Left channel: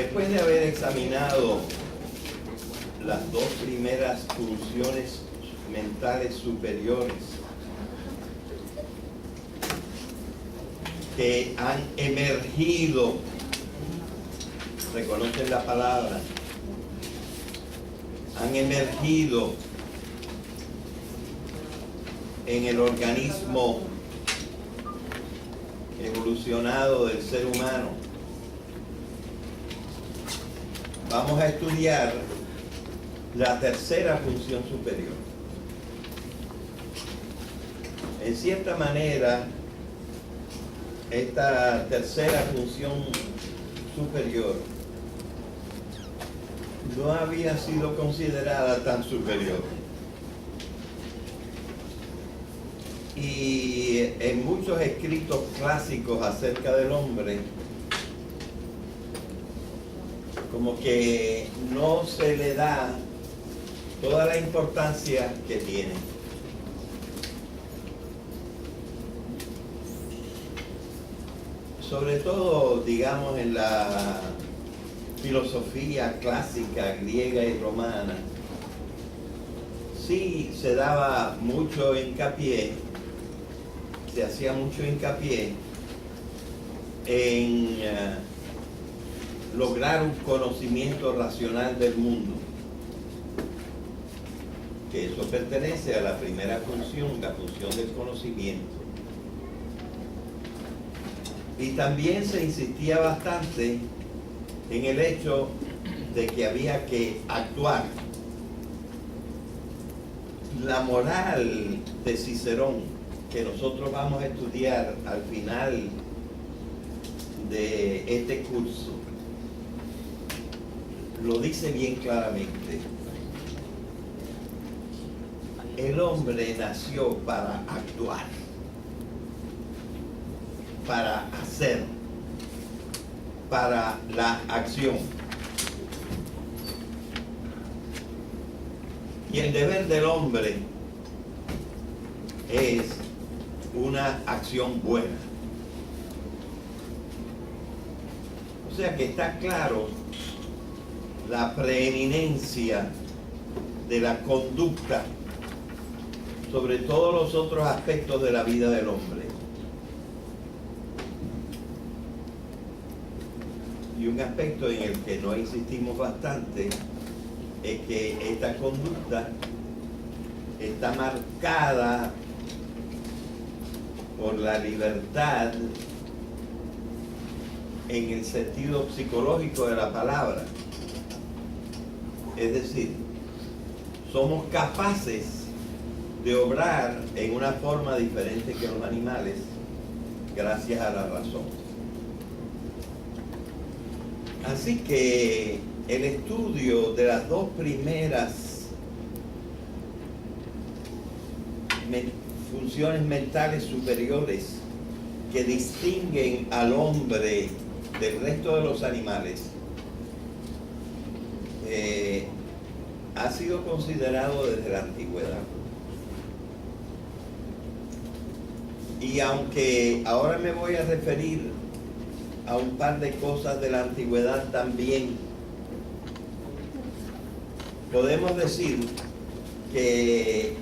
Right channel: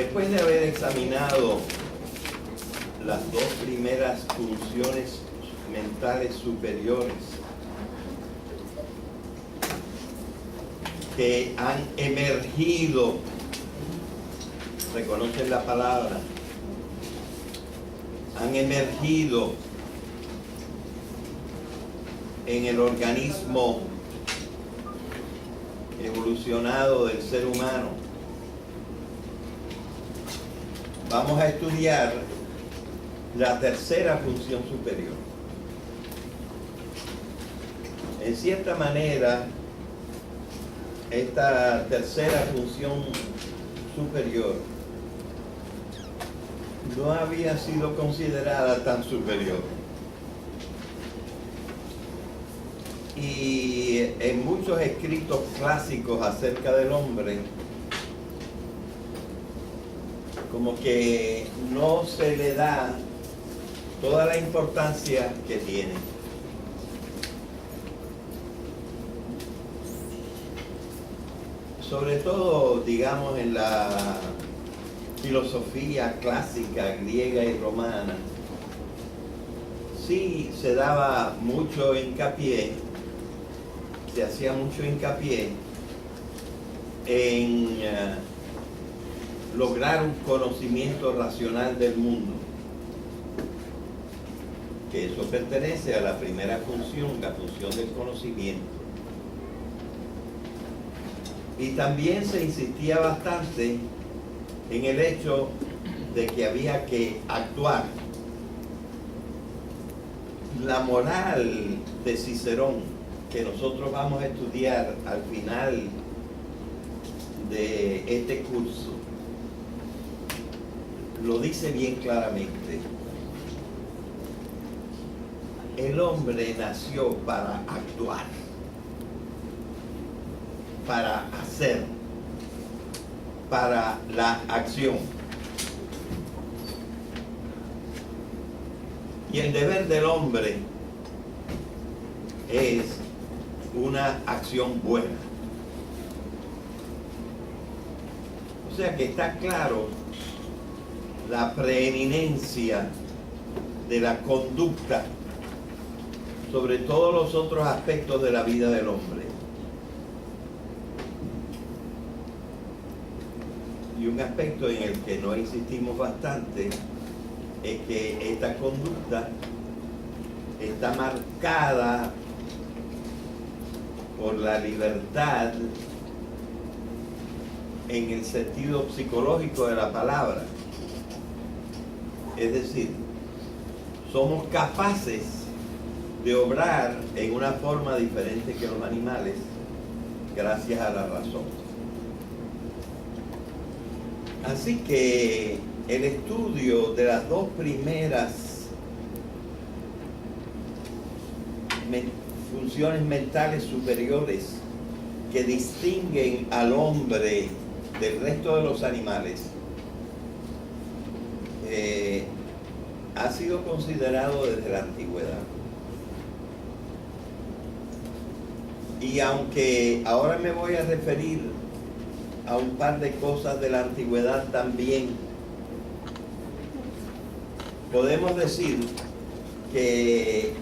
Después de haber examinado las dos primeras funciones mentales superiores que han emergido, reconocen la palabra, han emergido en el organismo evolucionado del ser humano, vamos a estudiar la tercera función superior. En cierta manera, esta tercera función superior no había sido considerada tan superior. Y en muchos escritos clásicos acerca del hombre, como que no se le da toda la importancia que tiene. Sobre todo, digamos, en la filosofía clásica griega y romana, sí se daba mucho hincapié, se hacía mucho hincapié en lograr un conocimiento racional del mundo, que eso pertenece a la primera función, la función del conocimiento. Y también se insistía bastante en el hecho de que había que actuar. La moral de Cicerón, que nosotros vamos a estudiar al final de este curso, lo dice bien claramente. El hombre nació para actuar, para hacer, para la acción. Y el deber del hombre es una acción buena. O sea que está claro la preeminencia de la conducta sobre todos los otros aspectos de la vida del hombre. Y un aspecto en el que no insistimos bastante es que esta conducta está marcada por la libertad en el sentido psicológico de la palabra. Es decir, somos capaces de obrar en una forma diferente que los animales gracias a la razón. Así que el estudio de las dos primeras funciones mentales superiores que distinguen al hombre del resto de los animales ha sido considerado desde la antigüedad. Y aunque ahora me voy a referir a un par de cosas de la antigüedad también, podemos decir que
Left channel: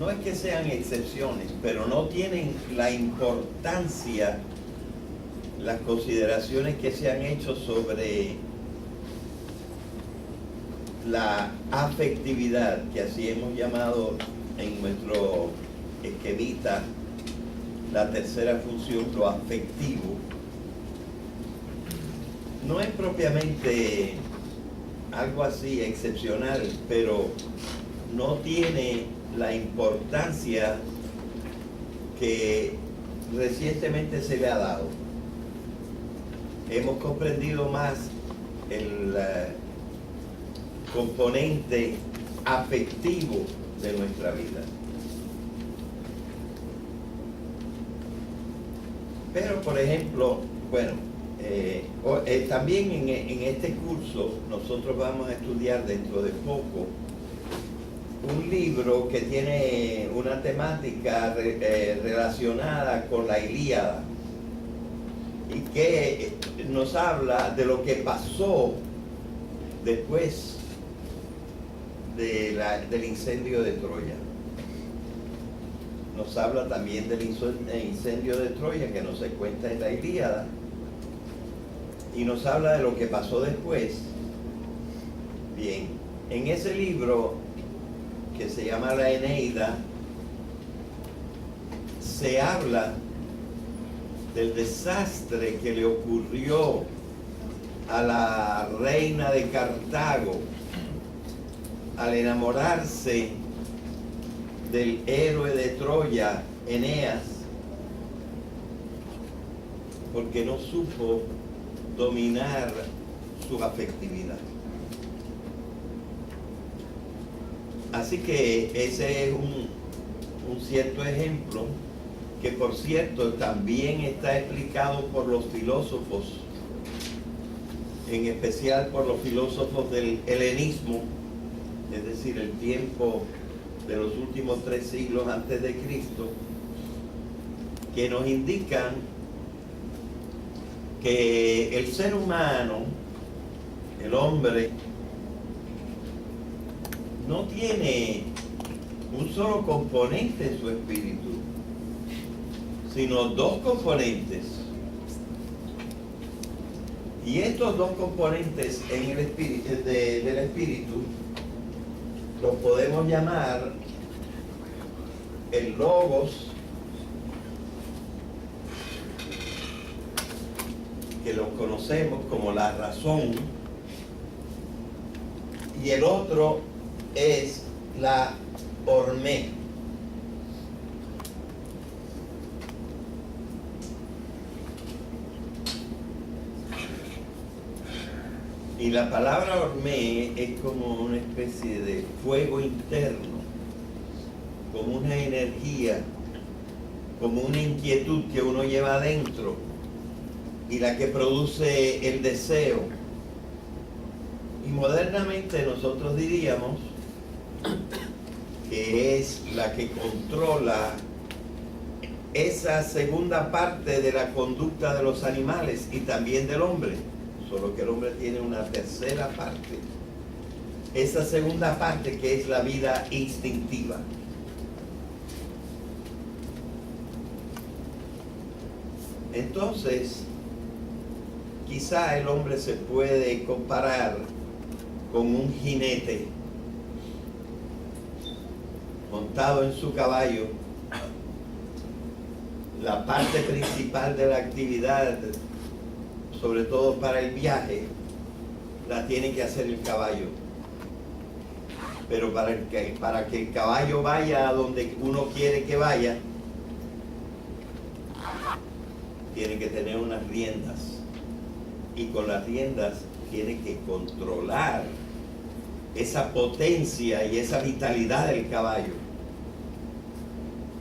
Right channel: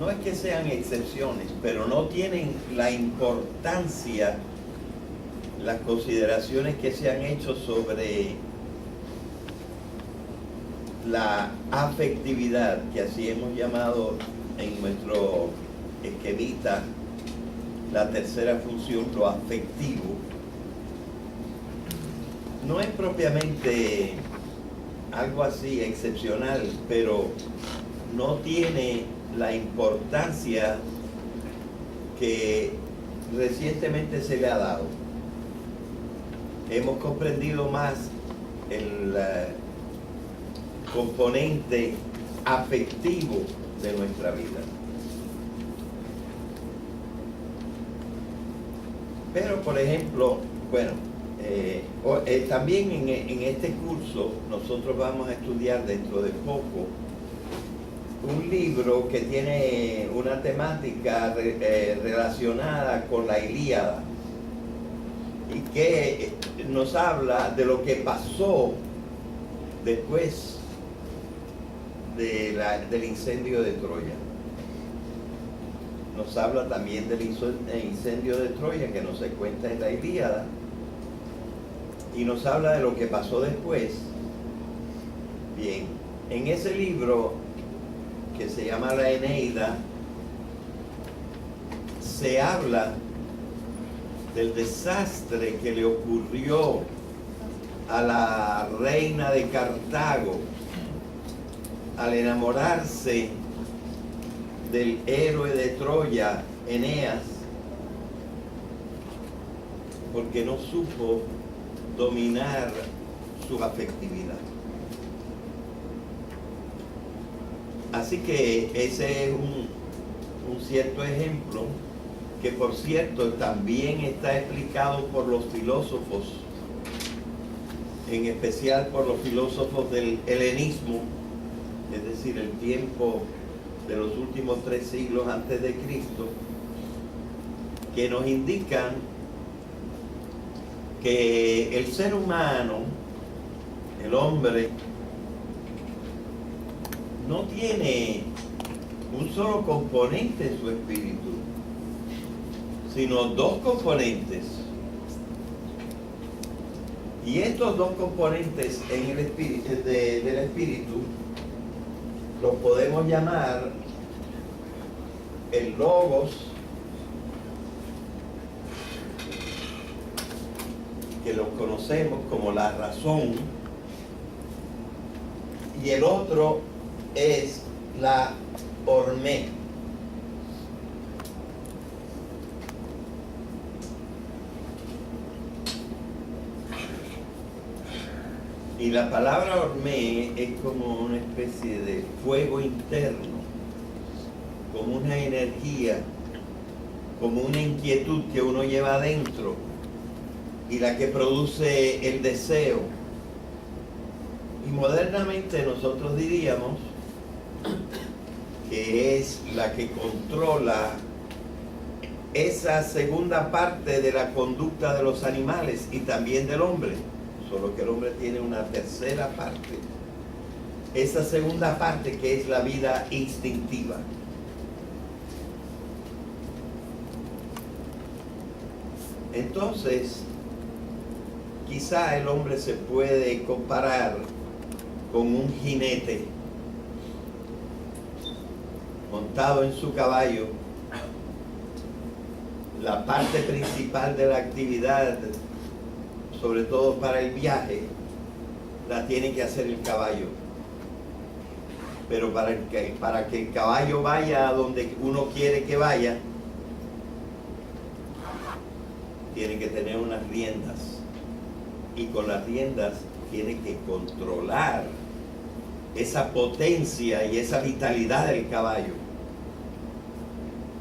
no es que sean excepciones, pero no tienen la importancia, las consideraciones que se han hecho sobre la afectividad, que así hemos llamado en nuestro esquemita la tercera función, lo afectivo. No es propiamente algo así excepcional, pero no tiene la importancia que recientemente se le ha dado. Hemos comprendido más el componente afectivo de nuestra vida. Pero, por ejemplo, bueno, también en este curso nosotros vamos a estudiar dentro de poco un libro que tiene una temática relacionada con la Ilíada. y que nos habla de lo que pasó después del incendio de Troya. Nos habla también del incendio de Troya que no se cuenta en la Ilíada, y nos habla de lo que pasó después. Bien, en ese libro que se llama la Eneida se habla del desastre que le ocurrió a la reina de Cartago al enamorarse del héroe de Troya, Eneas, porque no supo dominar su afectividad. Así que ese es un cierto ejemplo que, por cierto, también está explicado por los filósofos, en especial por los filósofos del helenismo, es decir, el tiempo de los últimos 3 siglos antes de Cristo, que nos indican que el ser humano, el hombre, no tiene un solo componente en su espíritu, sino 2 componentes. Y estos 2 componentes en el espíritu, del espíritu los podemos llamar el logos, que lo conocemos como la razón, y el otro es la hormé. Y la palabra hormé es como una especie de fuego interno, como una energía, como una inquietud que uno lleva adentro y la que produce el deseo. Y modernamente nosotros diríamos que es la que controla esa segunda parte de la conducta de los animales y también del hombre, solo que el hombre tiene una tercera parte, esa segunda parte que es la vida instintiva. Entonces, quizá el hombre se puede comparar con un jinete montado en su caballo. La parte principal de la actividad, sobre todo para el viaje, la tiene que hacer el caballo. Pero para que el caballo vaya a donde uno quiere que vaya, tiene que tener unas riendas. Y con las riendas tiene que controlar esa potencia y esa vitalidad del caballo,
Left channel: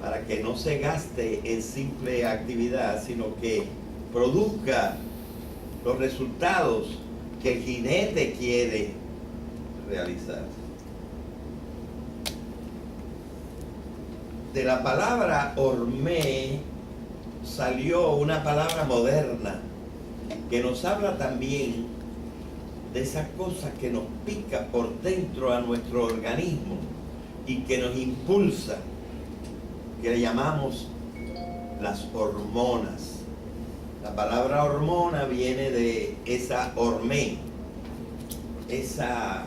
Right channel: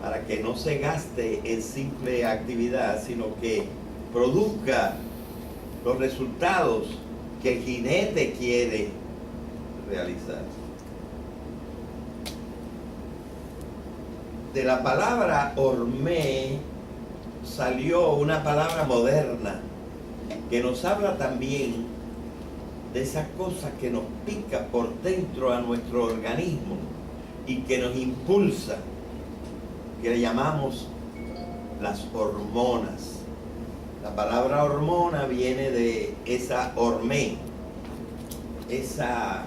para que no se gaste en simple actividad, sino que produzca los resultados que el jinete quiere realizar. De la palabra hormé salió una palabra moderna que nos habla también de esa cosa que nos pica por dentro a nuestro organismo y que nos impulsa, que le llamamos las hormonas. La palabra hormona viene de esa hormé, esa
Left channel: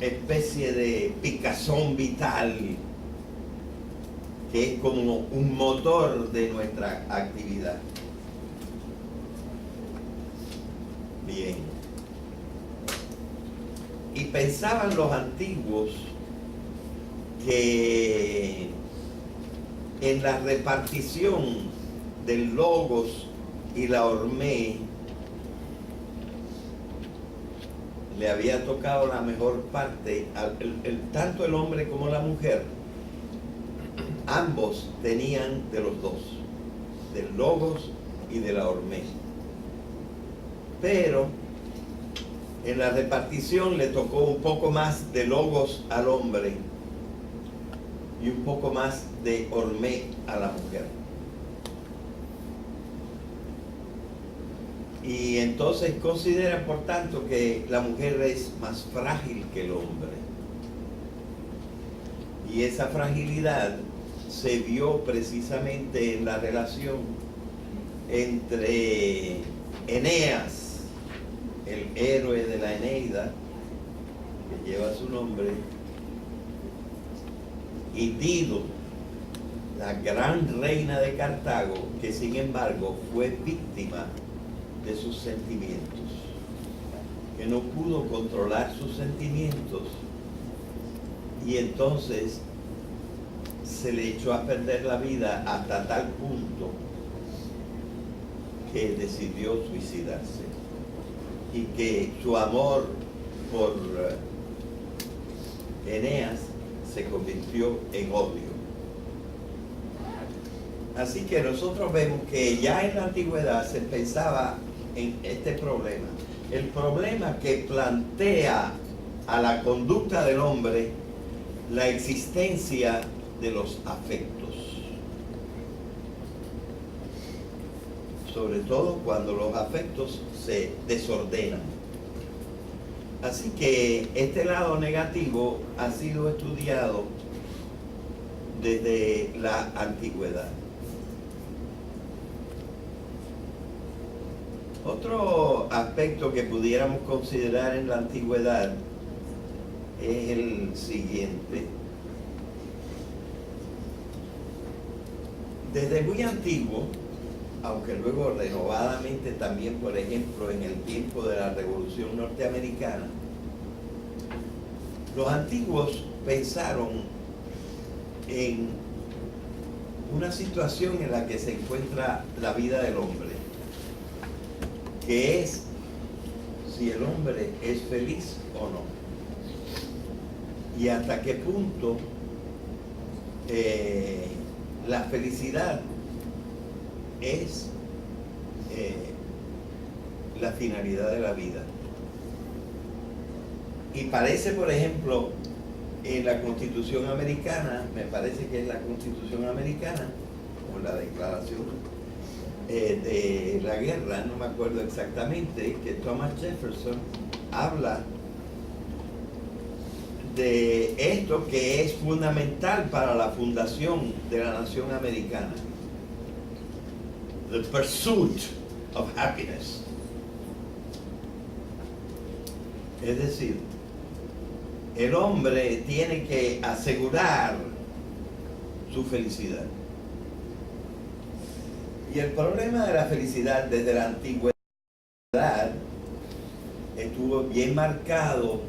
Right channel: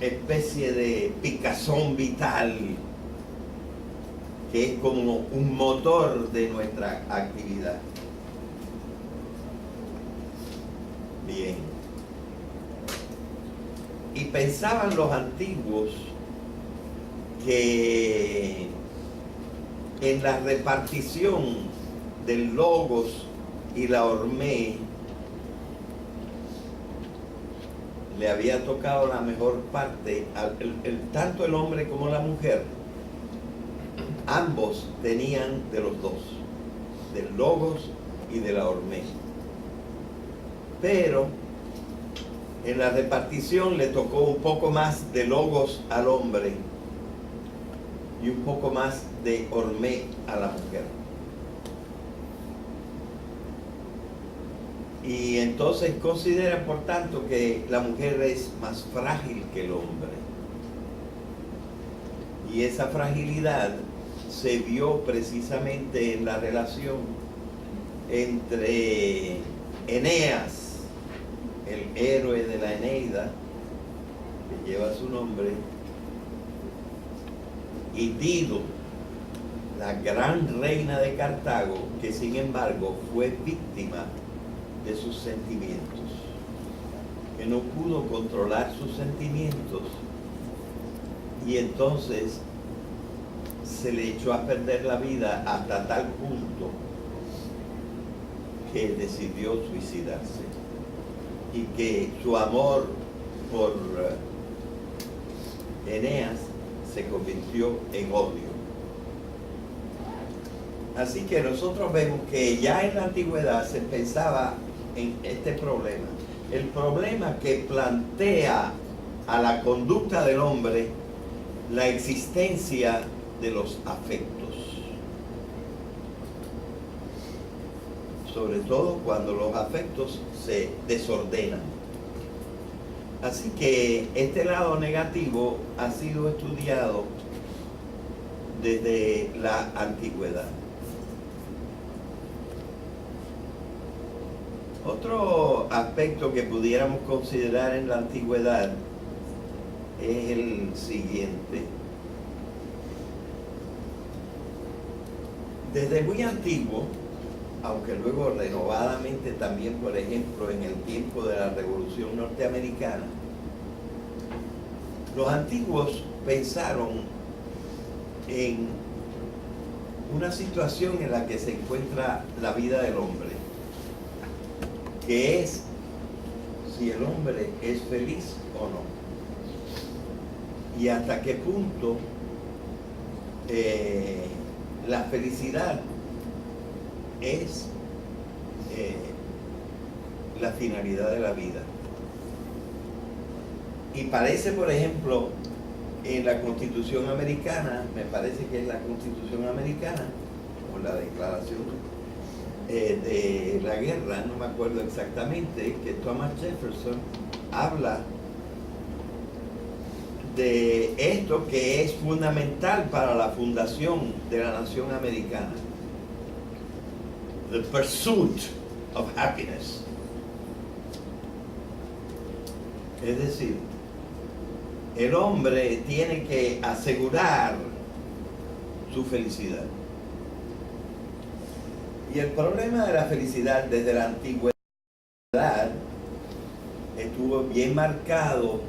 especie de picazón vital que es como un motor de nuestra actividad. Bien. Y pensaban los antiguos que en la repartición del logos y la hormé le había tocado la mejor parte, tanto el hombre como la mujer, ambos tenían de los dos, del logos y de la hormé. Pero en la repartición le tocó un poco más de logos al hombre y un poco más de hormé a la mujer. Y entonces consideran, por tanto, que la mujer es más frágil que el hombre. Y esa fragilidad se vio precisamente en la relación entre Eneas, el héroe de la Eneida, que lleva su nombre, y Dido, la gran reina de Cartago, que sin embargo fue víctima de sus sentimientos, que no pudo controlar sus sentimientos, y entonces se le echó a perder la vida hasta tal punto que decidió suicidarse, y que su amor por Eneas se convirtió en odio. Así que nosotros vemos que ya en la antigüedad se pensaba en este problema. El problema que plantea a la conducta del hombre la existencia de los afectos. Sobre todo cuando los afectos se desordenan. Así que este lado negativo ha sido estudiado desde la antigüedad. Otro aspecto que pudiéramos considerar en la antigüedad es el siguiente. Desde muy antiguo, aunque luego renovadamente también, por ejemplo, en el tiempo de la Revolución Norteamericana, los antiguos pensaron en una situación en la que se encuentra la vida del hombre, que es si el hombre es feliz o no, y hasta qué punto la felicidad es la finalidad de la vida. Y parece, por ejemplo, en la Constitución Americana, me parece que es la Constitución Americana, o la Declaración de la Guerra, no me acuerdo exactamente, que Thomas Jefferson habla de esto que es fundamental para la fundación de la nación americana: the pursuit of happiness. Es decir, el hombre tiene que asegurar su felicidad. Y el problema de la felicidad desde la antigüedad estuvo bien marcado,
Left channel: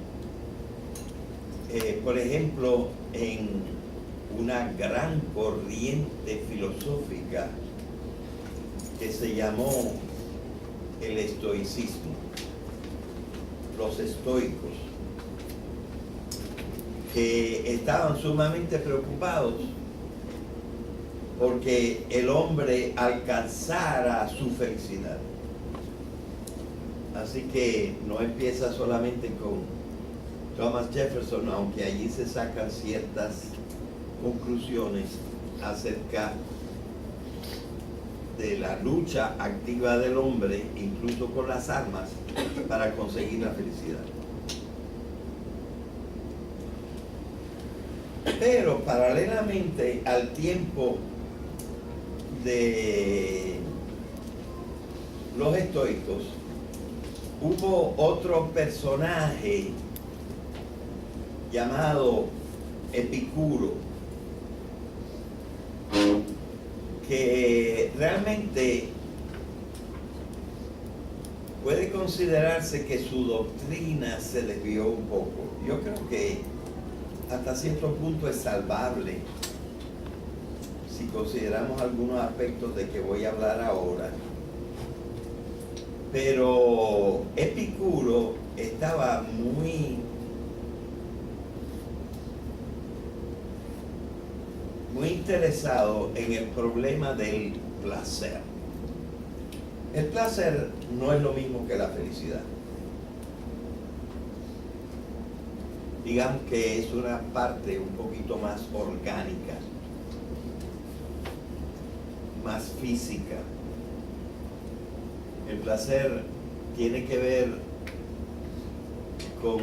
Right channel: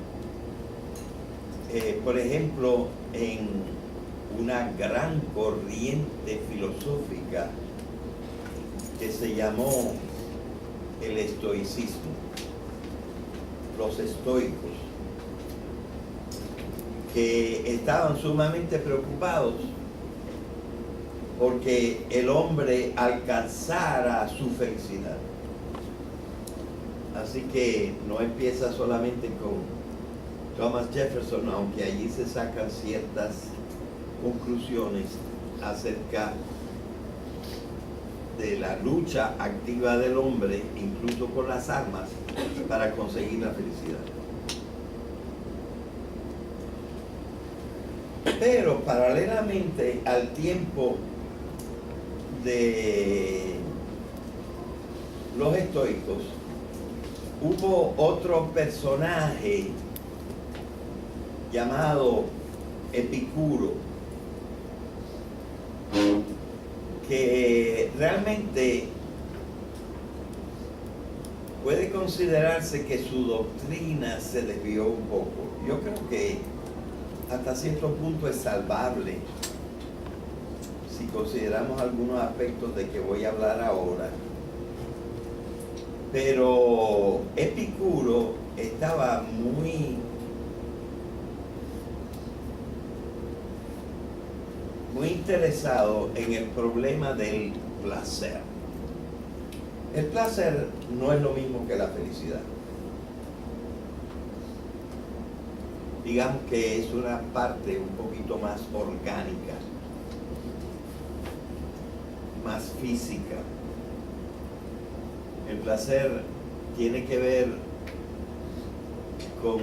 por ejemplo, en una gran corriente filosófica que se llamó el estoicismo, los estoicos, que estaban sumamente preocupados porque el hombre alcanzara su felicidad. Así que no empieza solamente con Thomas Jefferson, aunque allí se sacan ciertas conclusiones acerca de la lucha activa del hombre, incluso con las armas, para conseguir la felicidad. Pero paralelamente al tiempo de los estoicos, hubo otro personaje llamado Epicuro, que realmente puede considerarse que su doctrina se desvió un poco. Yo creo que hasta cierto punto es salvable si consideramos algunos aspectos de que voy a hablar ahora. Pero Epicuro estaba muy interesado en el problema del placer. El placer no es lo mismo que la felicidad. Digamos que es una parte un poquito más orgánica, más física. El placer tiene que ver con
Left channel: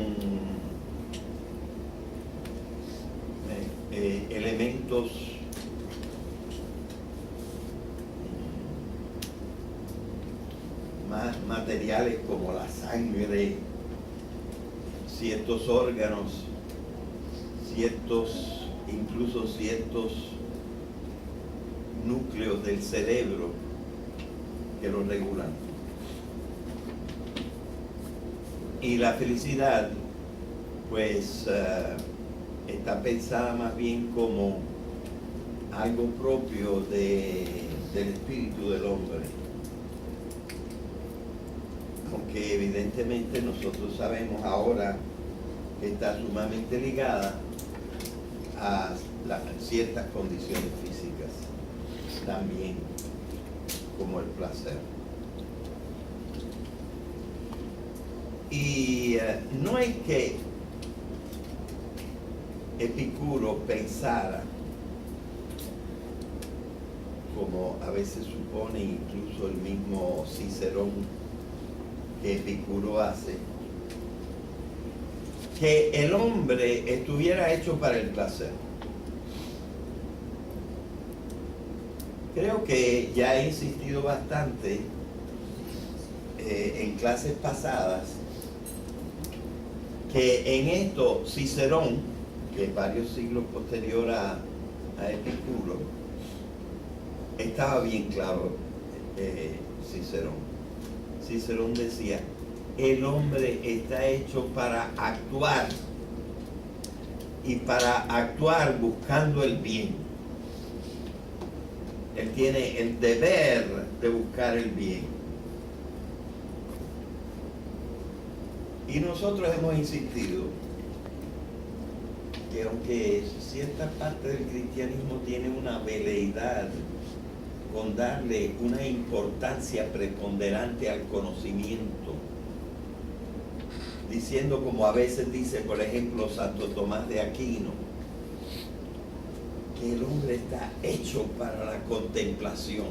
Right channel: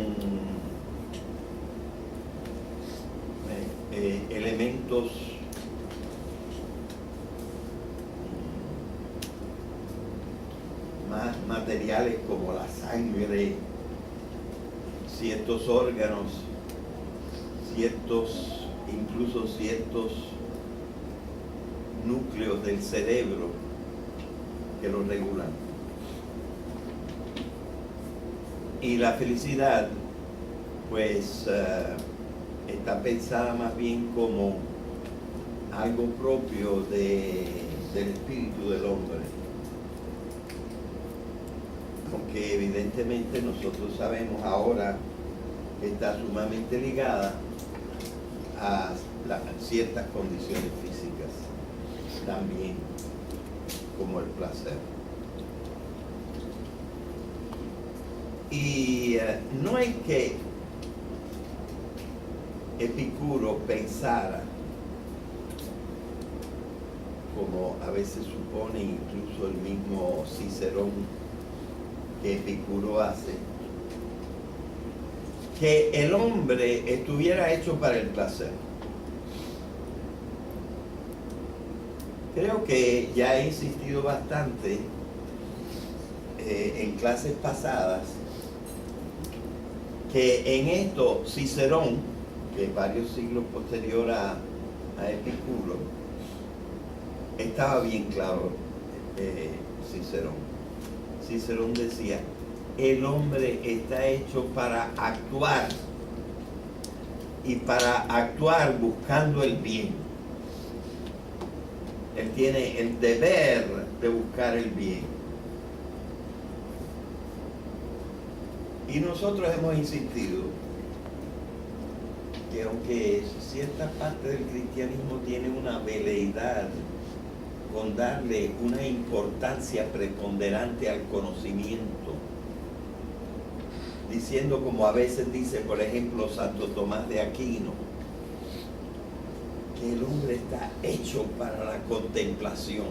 elementos más materiales como la sangre, ciertos órganos, incluso ciertos núcleos del cerebro que lo regulan. Y la felicidad, pues, está pensada más bien como algo propio del espíritu del hombre. Aunque evidentemente nosotros sabemos ahora que está sumamente ligada a ciertas condiciones físicas, también como el placer. Y no es que Epicuro pensara, como a veces supone incluso el mismo Cicerón, que Epicuro hace, que el hombre estuviera hecho para el placer. Creo que ya he insistido bastante en clases pasadas que en esto Cicerón, que es varios siglos posterior a Epicuro, estaba bien claro. Cicerón decía: el hombre está hecho para actuar, y para actuar buscando el bien. Él tiene el deber de buscar el bien. Y nosotros hemos insistido que aunque cierta parte del cristianismo tiene una veleidad con darle una importancia preponderante al conocimiento, diciendo, como a veces dice, por ejemplo, Santo Tomás de Aquino, que el hombre está hecho para la contemplación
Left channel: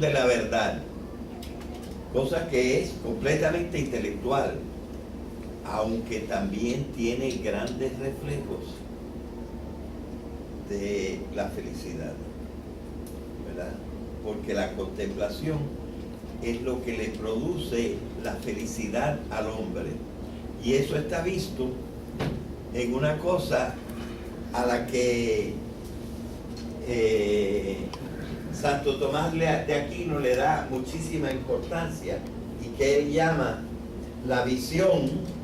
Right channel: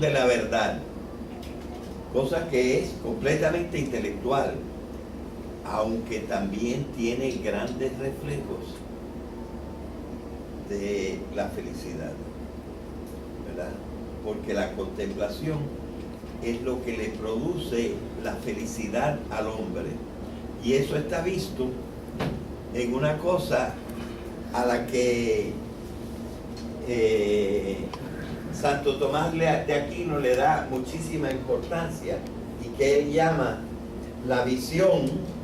de la verdad, cosa que es completamente intelectual, aunque también tiene grandes reflejos de la felicidad, ¿verdad? Porque la contemplación es lo que le produce la felicidad al hombre, y eso está visto en una cosa a la que Santo Tomás de Aquino le da muchísima importancia, y que él llama la visión.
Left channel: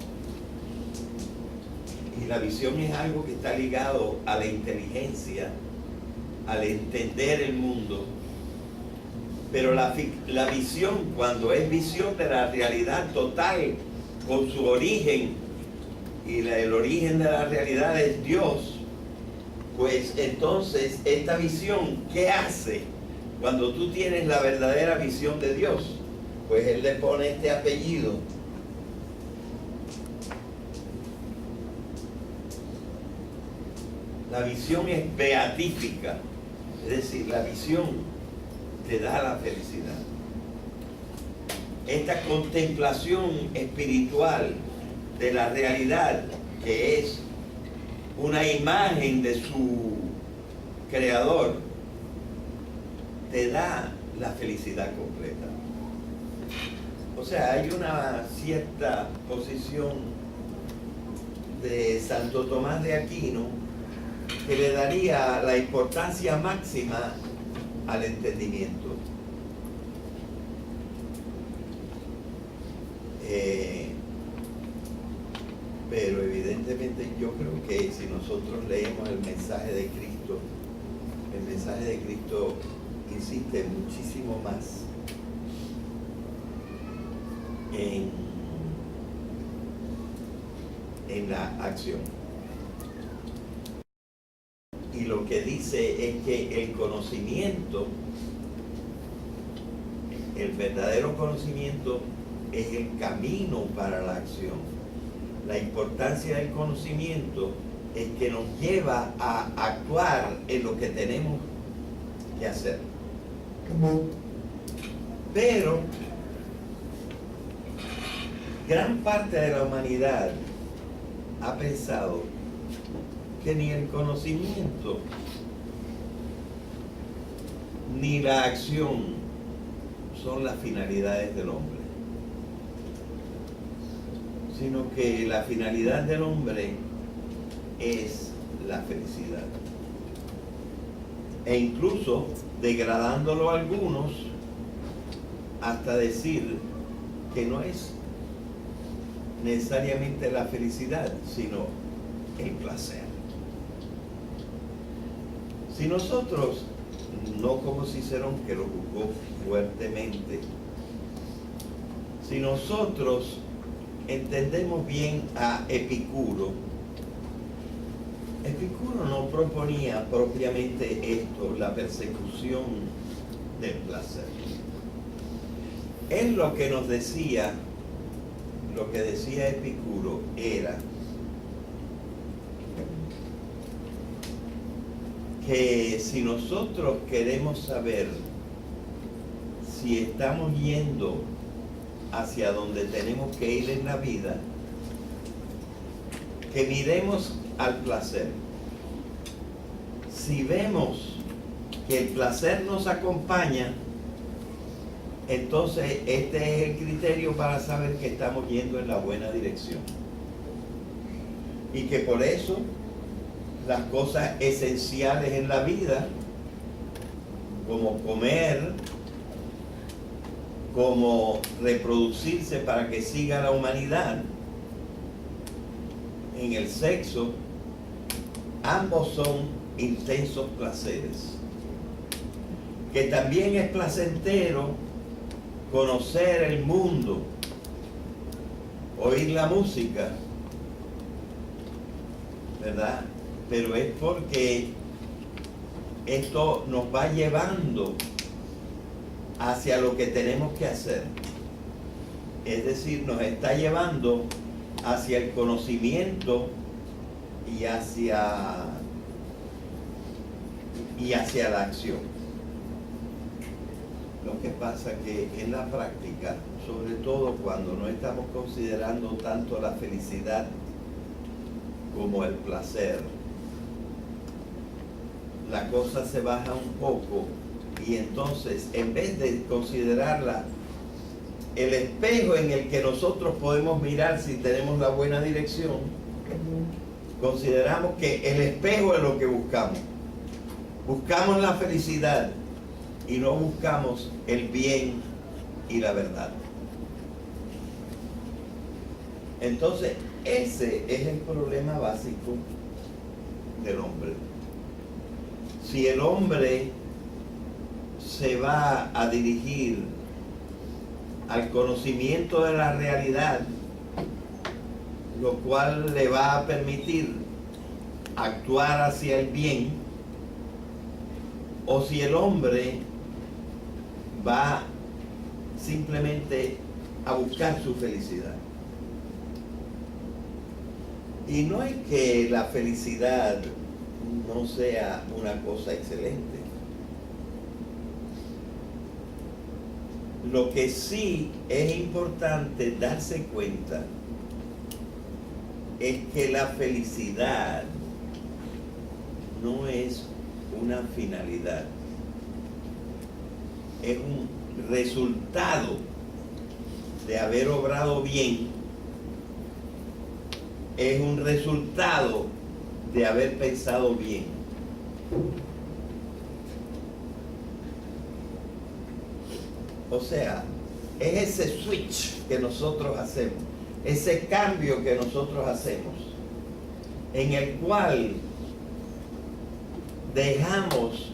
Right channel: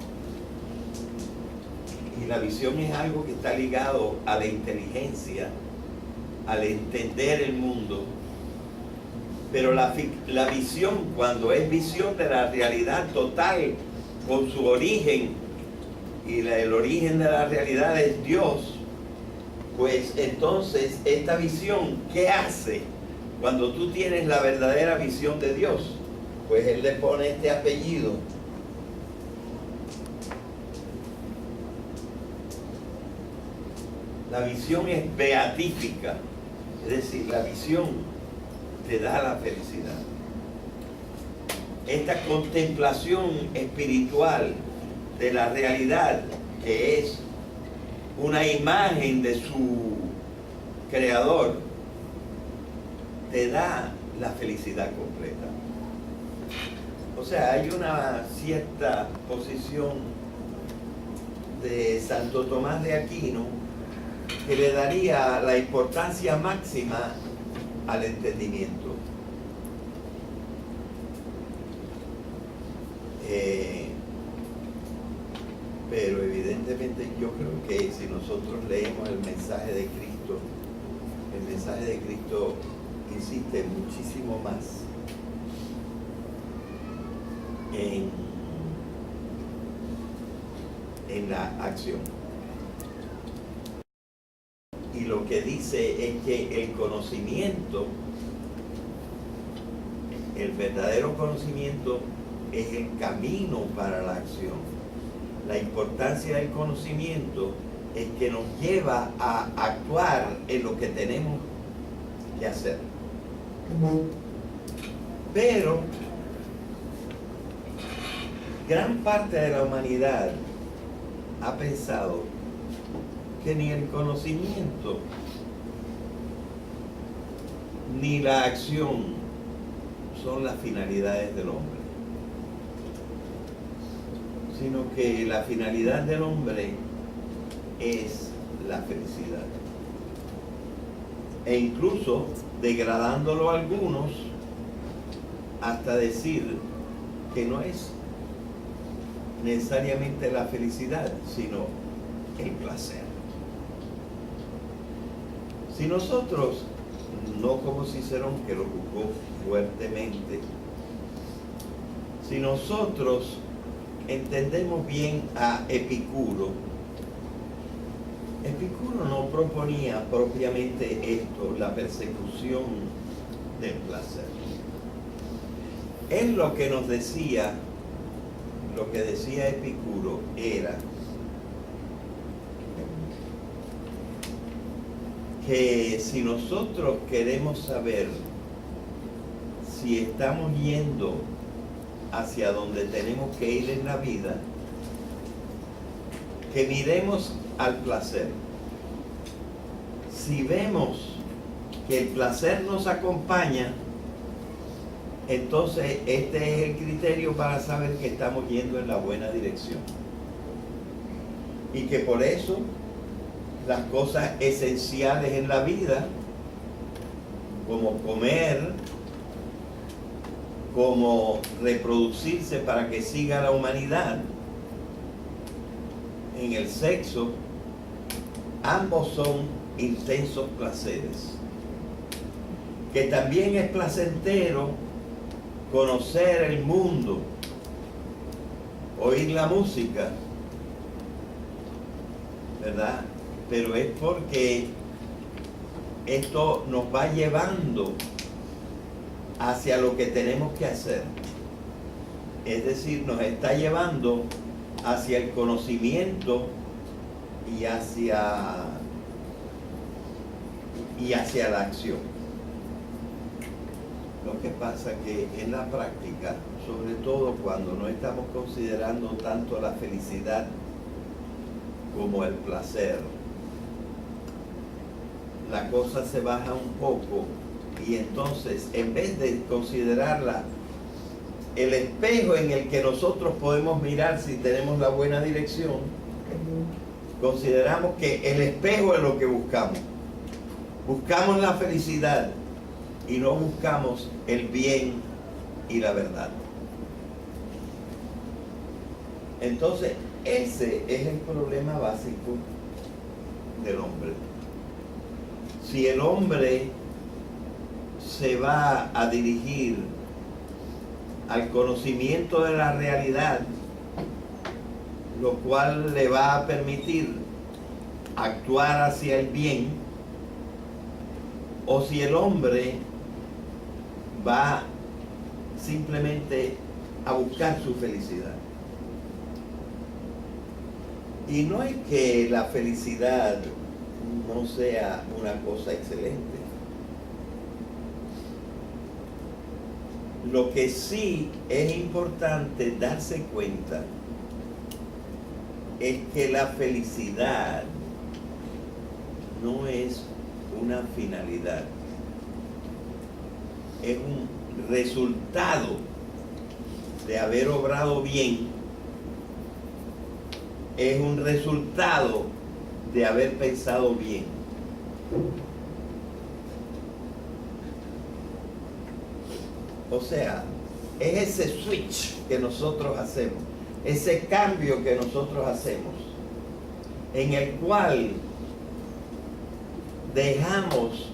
Y la visión es algo que está ligado a la inteligencia, al entender el mundo. Pero la visión, cuando es visión de la realidad total, con su origen, y el origen de la realidad es Dios, pues entonces esta visión, ¿qué hace? Cuando tú tienes la verdadera visión de Dios, pues él le pone este apellido. La visión es beatífica, es decir, la visión te da la felicidad. Esta contemplación espiritual de la realidad, que es una imagen de su creador, te da la felicidad completa. O sea, hay una cierta posición de Santo Tomás de Aquino que le daría la importancia máxima al entendimiento. Pero evidentemente yo creo que si nosotros leemos el mensaje de Cristo insiste muchísimo más en la acción. Y lo que dice es que el conocimiento, el verdadero conocimiento, es el camino para la acción. La importancia del conocimiento es que nos lleva a actuar en lo que tenemos que hacer. Pero gran parte de la humanidad ha pensado que ni el conocimiento ni la acción son las finalidades del hombre, sino que la finalidad del hombre es la felicidad. E incluso degradándolo a algunos hasta decir que no es necesariamente la felicidad, sino el placer. Si nosotros, no como Cicerón, que lo juzgó fuertemente, si nosotros entendemos bien a Epicuro, Epicuro no proponía propiamente esto, la persecución del placer. Él lo que nos decía, lo que decía Epicuro era que si nosotros queremos saber si estamos yendo hacia donde tenemos que ir en la vida, que miremos al placer. Si vemos que el placer nos acompaña, entonces este es el criterio para saber que estamos yendo en la buena dirección. Y que por eso las cosas esenciales en la vida, como comer, como reproducirse para que siga la humanidad, en el sexo, ambos son intensos placeres. Que también es placentero conocer el mundo, oír la música, ¿verdad? Pero es porque esto nos va llevando hacia lo que tenemos que hacer. Es decir, nos está llevando hacia el conocimiento y hacia la acción. Lo que pasa que en la práctica, sobre todo cuando no estamos considerando tanto la felicidad como el placer, la cosa se baja un poco y entonces en vez de considerarla el espejo en el que nosotros podemos mirar si tenemos la buena dirección, consideramos que el espejo es lo que buscamos. Buscamos la felicidad y no buscamos el bien y la verdad. Entonces, ese es el problema básico del hombre. Si el hombre se va a dirigir al conocimiento de la realidad, lo cual le va a permitir actuar hacia el bien, o si el hombre va simplemente a buscar su felicidad. Y no es que la felicidad no sea una cosa excelente. Lo que sí es importante darse cuenta es que la felicidad no es una finalidad, es un resultado de haber obrado bien, es un resultado de haber pensado bien. O sea, es ese switch que nosotros hacemos, ese cambio que nosotros hacemos, en el cual dejamos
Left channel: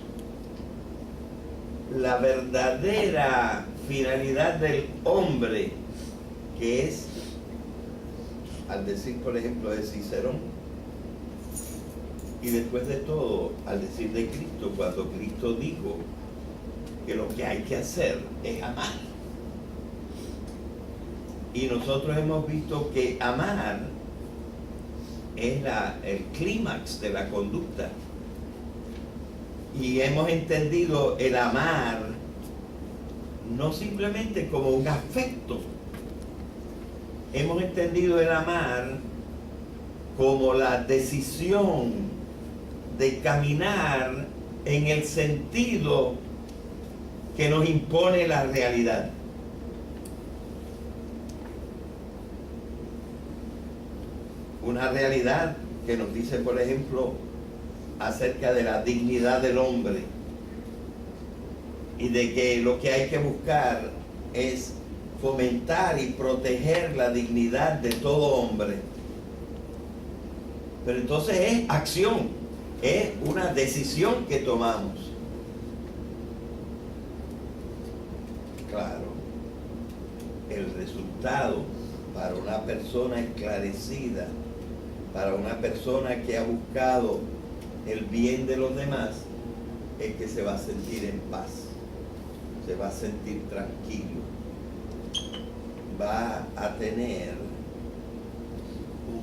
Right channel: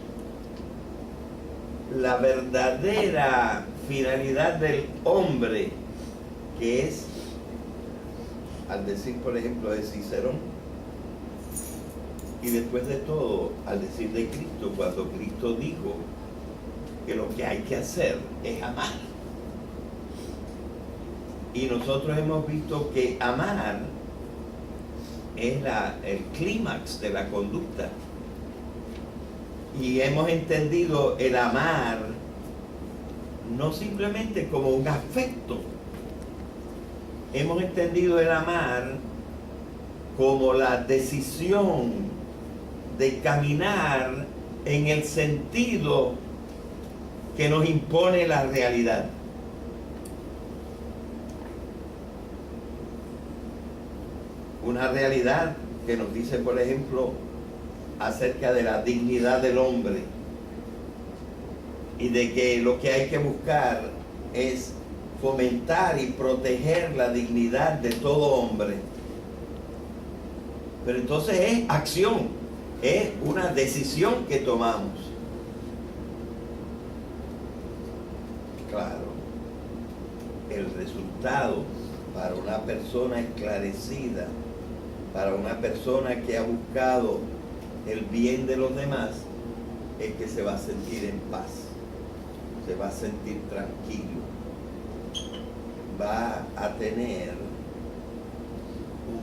la verdadera finalidad del hombre, que es, al decir por ejemplo de Cicerón, y después de todo, al decir de Cristo, cuando Cristo dijo que lo que hay que hacer es amar. Y nosotros hemos visto que amar es el clímax de la conducta. Y hemos entendido el amar no simplemente como un afecto. Hemos entendido el amar como la decisión de caminar en el sentido que nos impone la realidad. Una realidad que nos dice, por ejemplo, acerca de la dignidad del hombre y de que lo que hay que buscar es fomentar y proteger la dignidad de todo hombre. Pero entonces es acción, es una decisión que tomamos. Claro, el resultado para una persona esclarecida, para una persona que ha buscado el bien de los demás, es que se va a sentir en paz, se va a sentir tranquilo, va a tener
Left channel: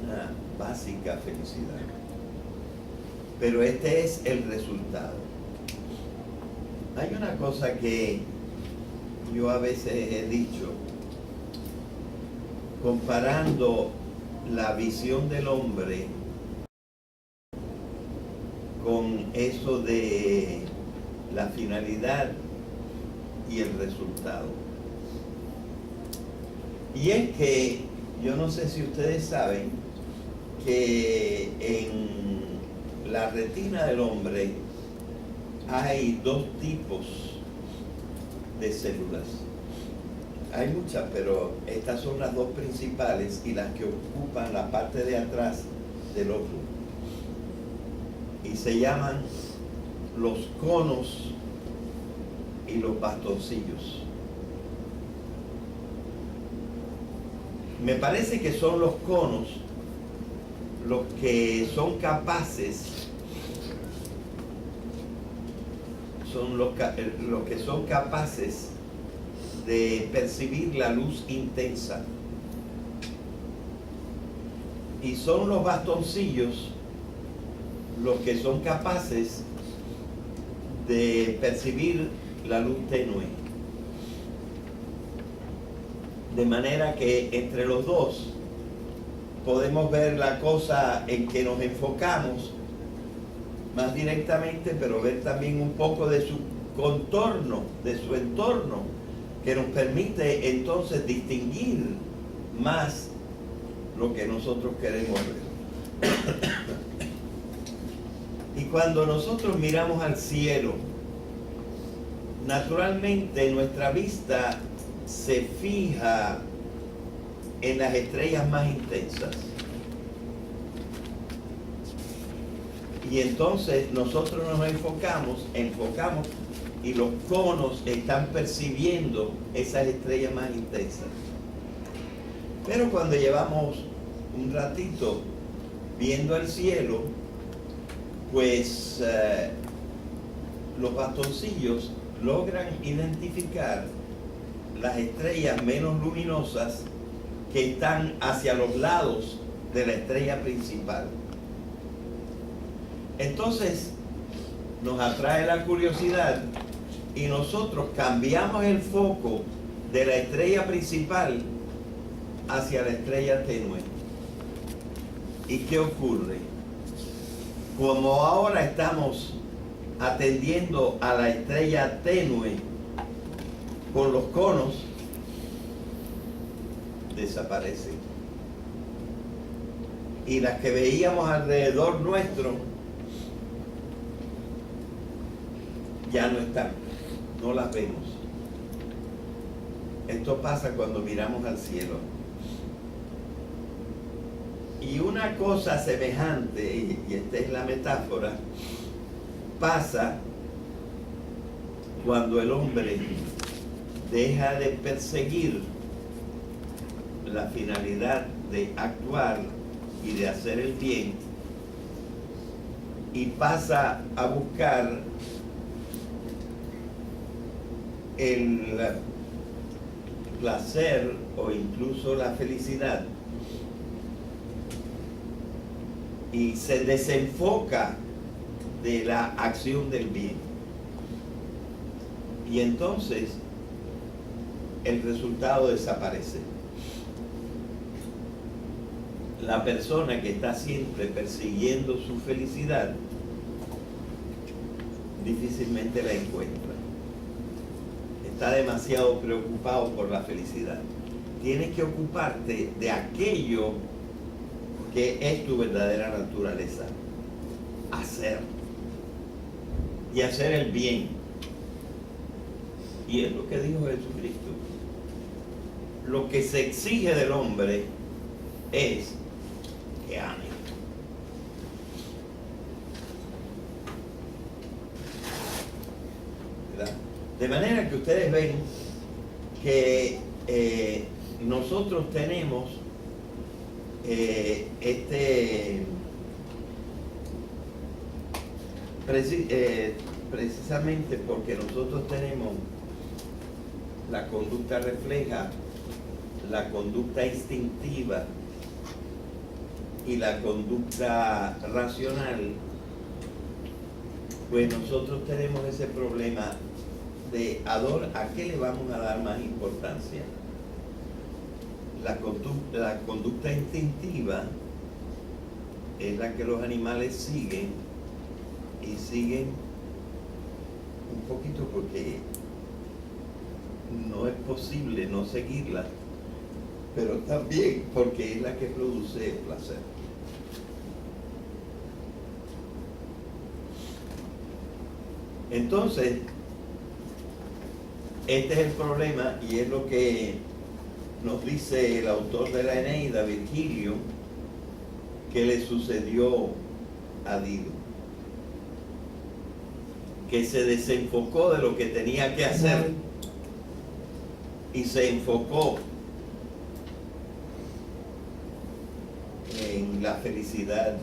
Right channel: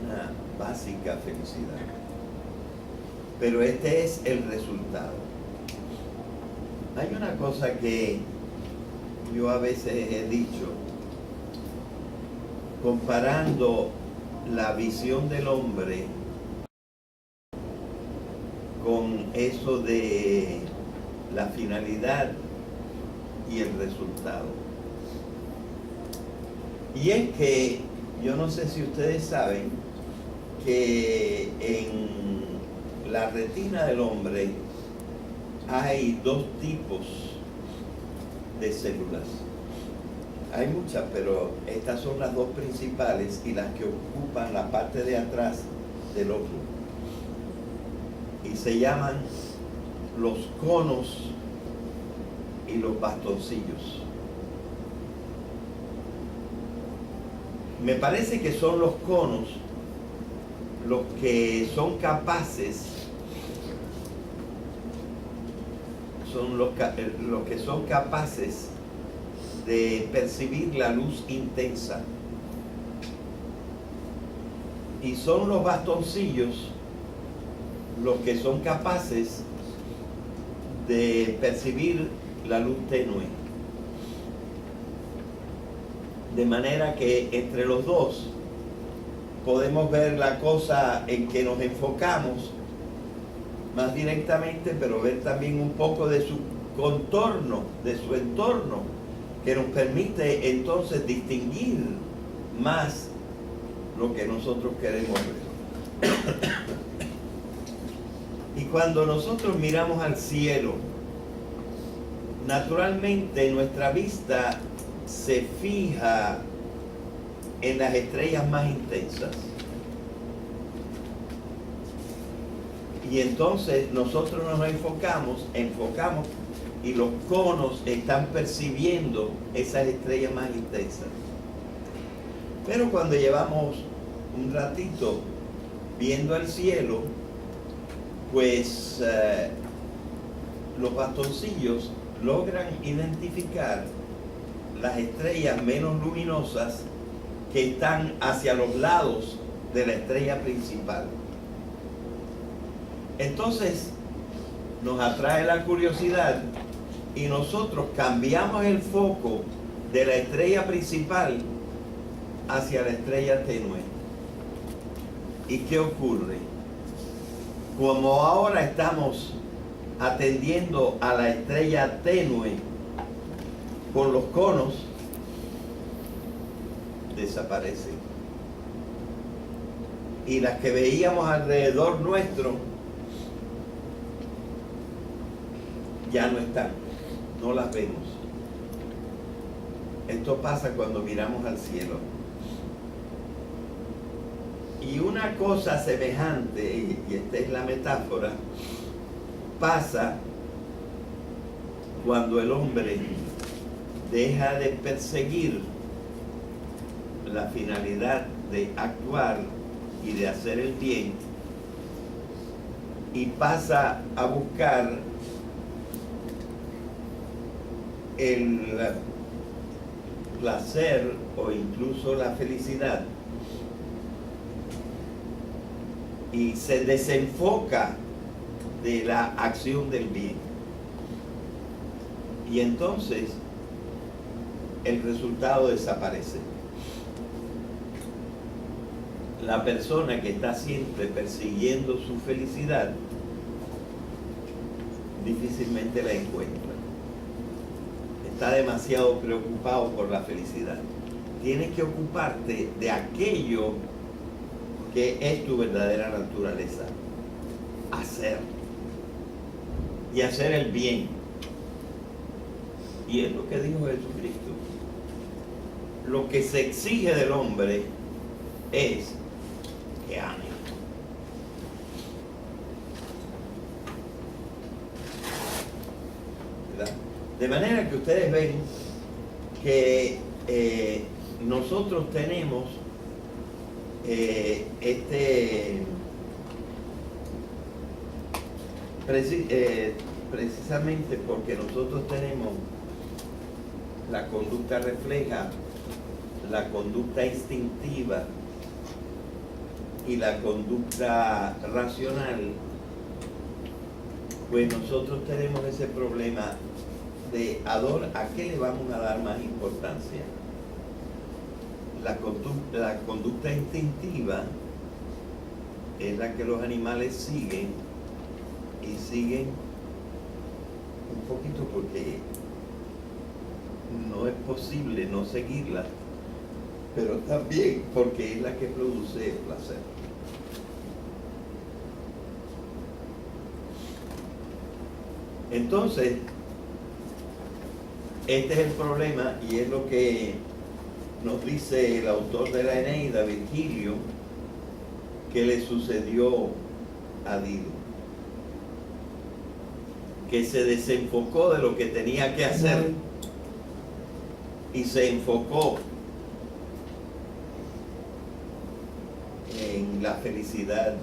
una básica felicidad. Pero este es el resultado. Hay una cosa que yo a veces he dicho, comparando la visión del hombre con eso de la finalidad y el resultado. Y es que, yo no sé si ustedes saben, que en la retina del hombre hay dos tipos de células. Hay muchas, pero estas son las dos principales y las que ocupan la parte de atrás del ojo. Y se llaman los conos y los bastoncillos. Me parece que son los conos los que son capaces, los que son capaces de percibir la luz intensa. Y son los bastoncillos los que son capaces de percibir la luz tenue. De manera que entre los dos podemos ver la cosa en que nos enfocamos más directamente, pero ver también un poco de su contorno, de su entorno, que nos permite entonces distinguir más lo que nosotros queremos ver. Y cuando nosotros miramos al cielo, naturalmente nuestra vista se fija en las estrellas más intensas. Y entonces nosotros nos enfocamos y los conos están percibiendo esas estrellas más intensas. Pero cuando llevamos un ratito viendo el cielo, pues los bastoncillos logran identificar las estrellas menos luminosas que están hacia los lados de la estrella principal. Entonces nos atrae la curiosidad y nosotros cambiamos el foco de la estrella principal hacia la estrella tenue. ¿Y qué ocurre? Como ahora estamos atendiendo a la estrella tenue con los conos, desaparece. Y las que veíamos alrededor nuestro ya no están, no las vemos. Esto pasa cuando miramos al cielo. Y una cosa semejante, y esta es la metáfora, pasa cuando el hombre deja de perseguir la finalidad de actuar y de hacer el bien y pasa a buscar el placer o incluso la felicidad y se desenfoca de la acción del bien. Y entonces el resultado desaparece. La persona que está siempre persiguiendo su felicidad difícilmente la encuentra. Está demasiado preocupado por la felicidad. Tienes que ocuparte de aquello que es tu verdadera naturaleza. Hacer. Y hacer el bien. Y es lo que dijo Jesucristo. Lo que se exige del hombre es que ame. ¿Verdad? De manera que ustedes ven que nosotros tenemos precisamente porque nosotros tenemos la conducta refleja la conducta instintiva y la conducta racional, pues nosotros tenemos ese problema de ¿a qué le vamos a dar más importancia? La conducta instintiva es la que los animales siguen, y siguen un poquito porque no es posible no seguirla, pero también porque es la que produce el placer. Entonces, este es el problema, y es lo que nos dice el autor de la Eneida, Virgilio, que le sucedió a Dido, que se desenfocó de lo que tenía que hacer y se enfocó en la felicidad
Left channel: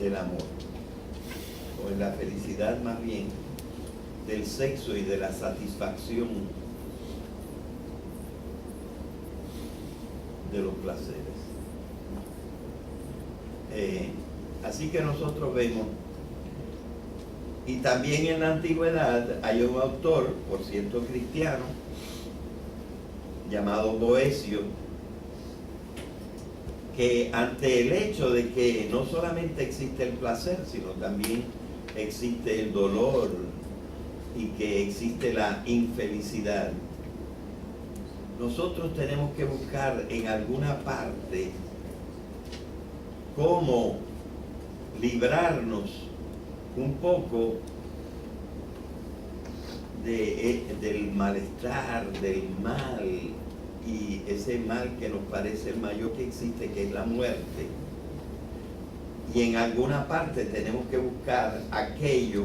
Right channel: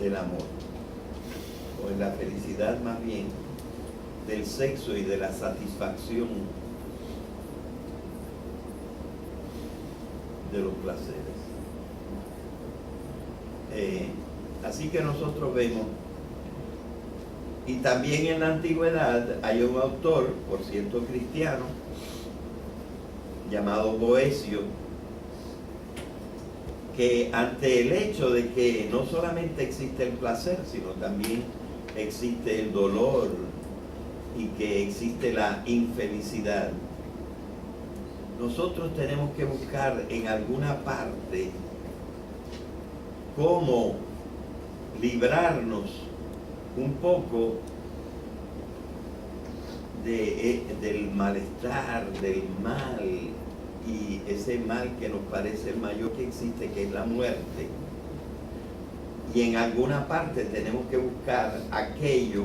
del amor, o en la felicidad más bien del sexo y de la satisfacción de los placeres. Así que nosotros vemos, y también en la antigüedad hay un autor, por cierto cristiano, llamado Boecio, que ante el hecho de que no solamente existe el placer, sino también existe el dolor y que existe la infelicidad, nosotros tenemos que buscar en alguna parte cómo librarnos un poco del malestar, del mal, y ese mal que nos parece el mayor que existe, que es la muerte. Y en alguna parte tenemos que buscar aquello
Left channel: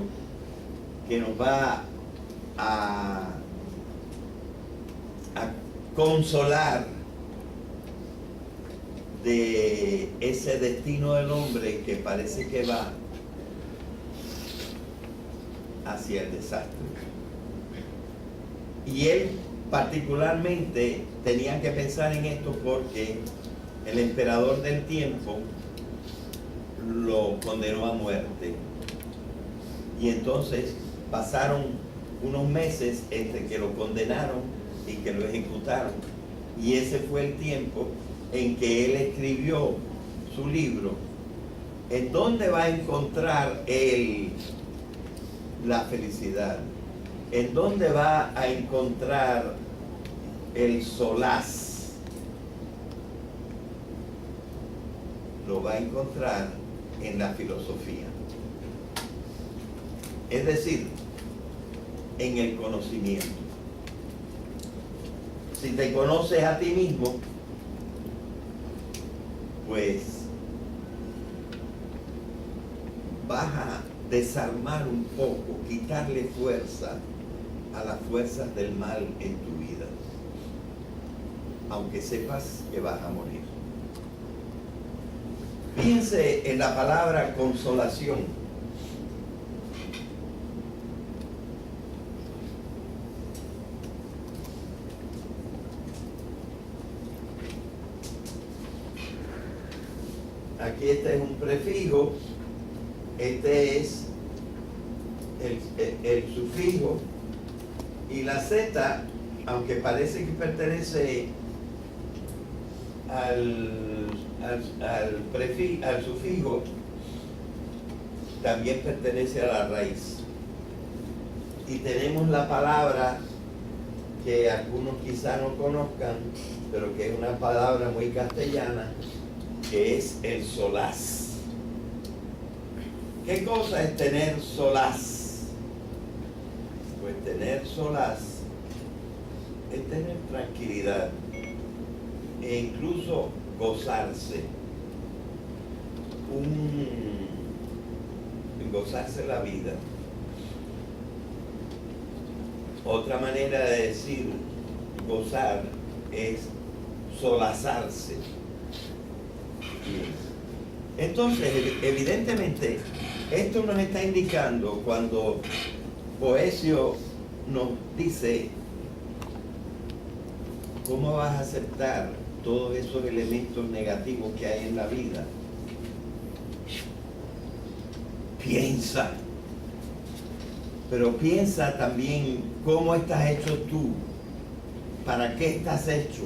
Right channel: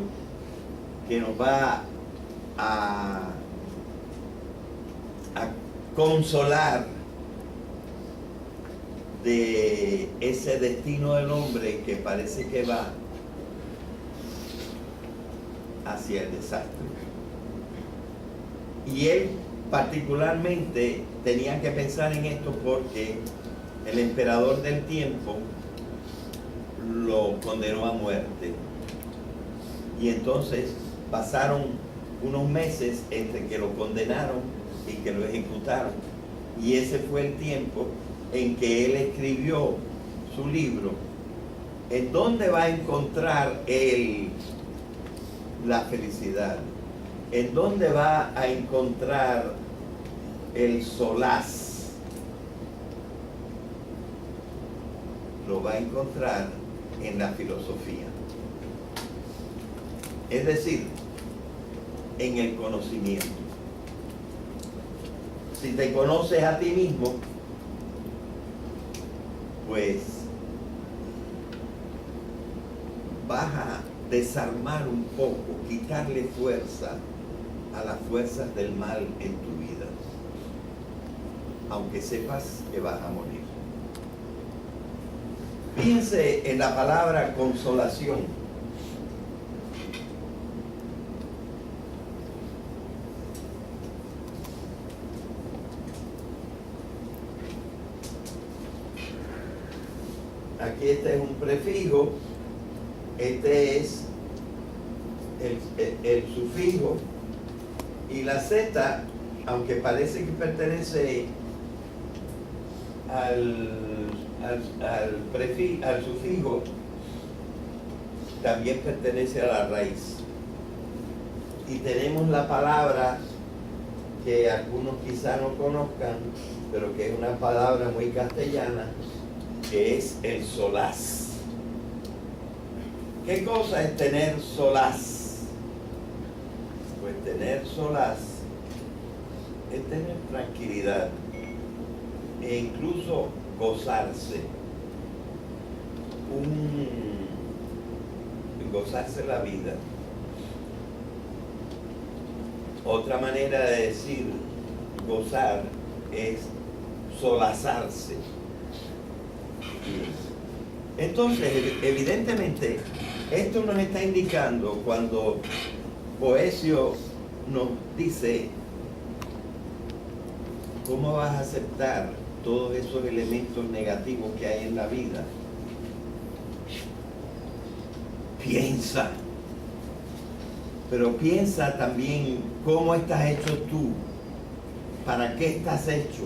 que nos va a consolar de ese destino del hombre que parece que va hacia el desastre. Y él particularmente tenía que pensar en esto porque el emperador del tiempo lo condenó a muerte. Y entonces pasaron unos meses entre que lo condenaron y que lo ejecutaron. Y ese fue el tiempo en que él escribió su libro. ¿En dónde va a encontrar él la felicidad? ¿En dónde va a encontrar el solaz? Lo va a encontrar en la filosofía. Es decir, en el conocimiento. Si te conoces a ti mismo, pues vas a desarmar un poco, quitarle fuerza a las fuerzas del mal en tu vida, aunque sepas que vas a morir. Fíjense en la palabra consolación. Aquí este es un prefijo, este es el sufijo, y la Z aunque parece que pertenece al sufijo, también pertenece a la raíz. Y tenemos la palabra que algunos quizá no conozcan, pero que es una palabra muy castellana, que es el solaz. ¿Qué cosa es tener solaz? Pues tener solaz es tener tranquilidad e incluso gozarse. Gozarse la vida. Otra manera de decir gozar es solazarse. Entonces, evidentemente, esto nos está indicando cuando Boecio nos dice cómo vas a aceptar todos esos elementos negativos que hay en la vida. Piensa, pero piensa también cómo estás hecho tú, para qué estás hecho.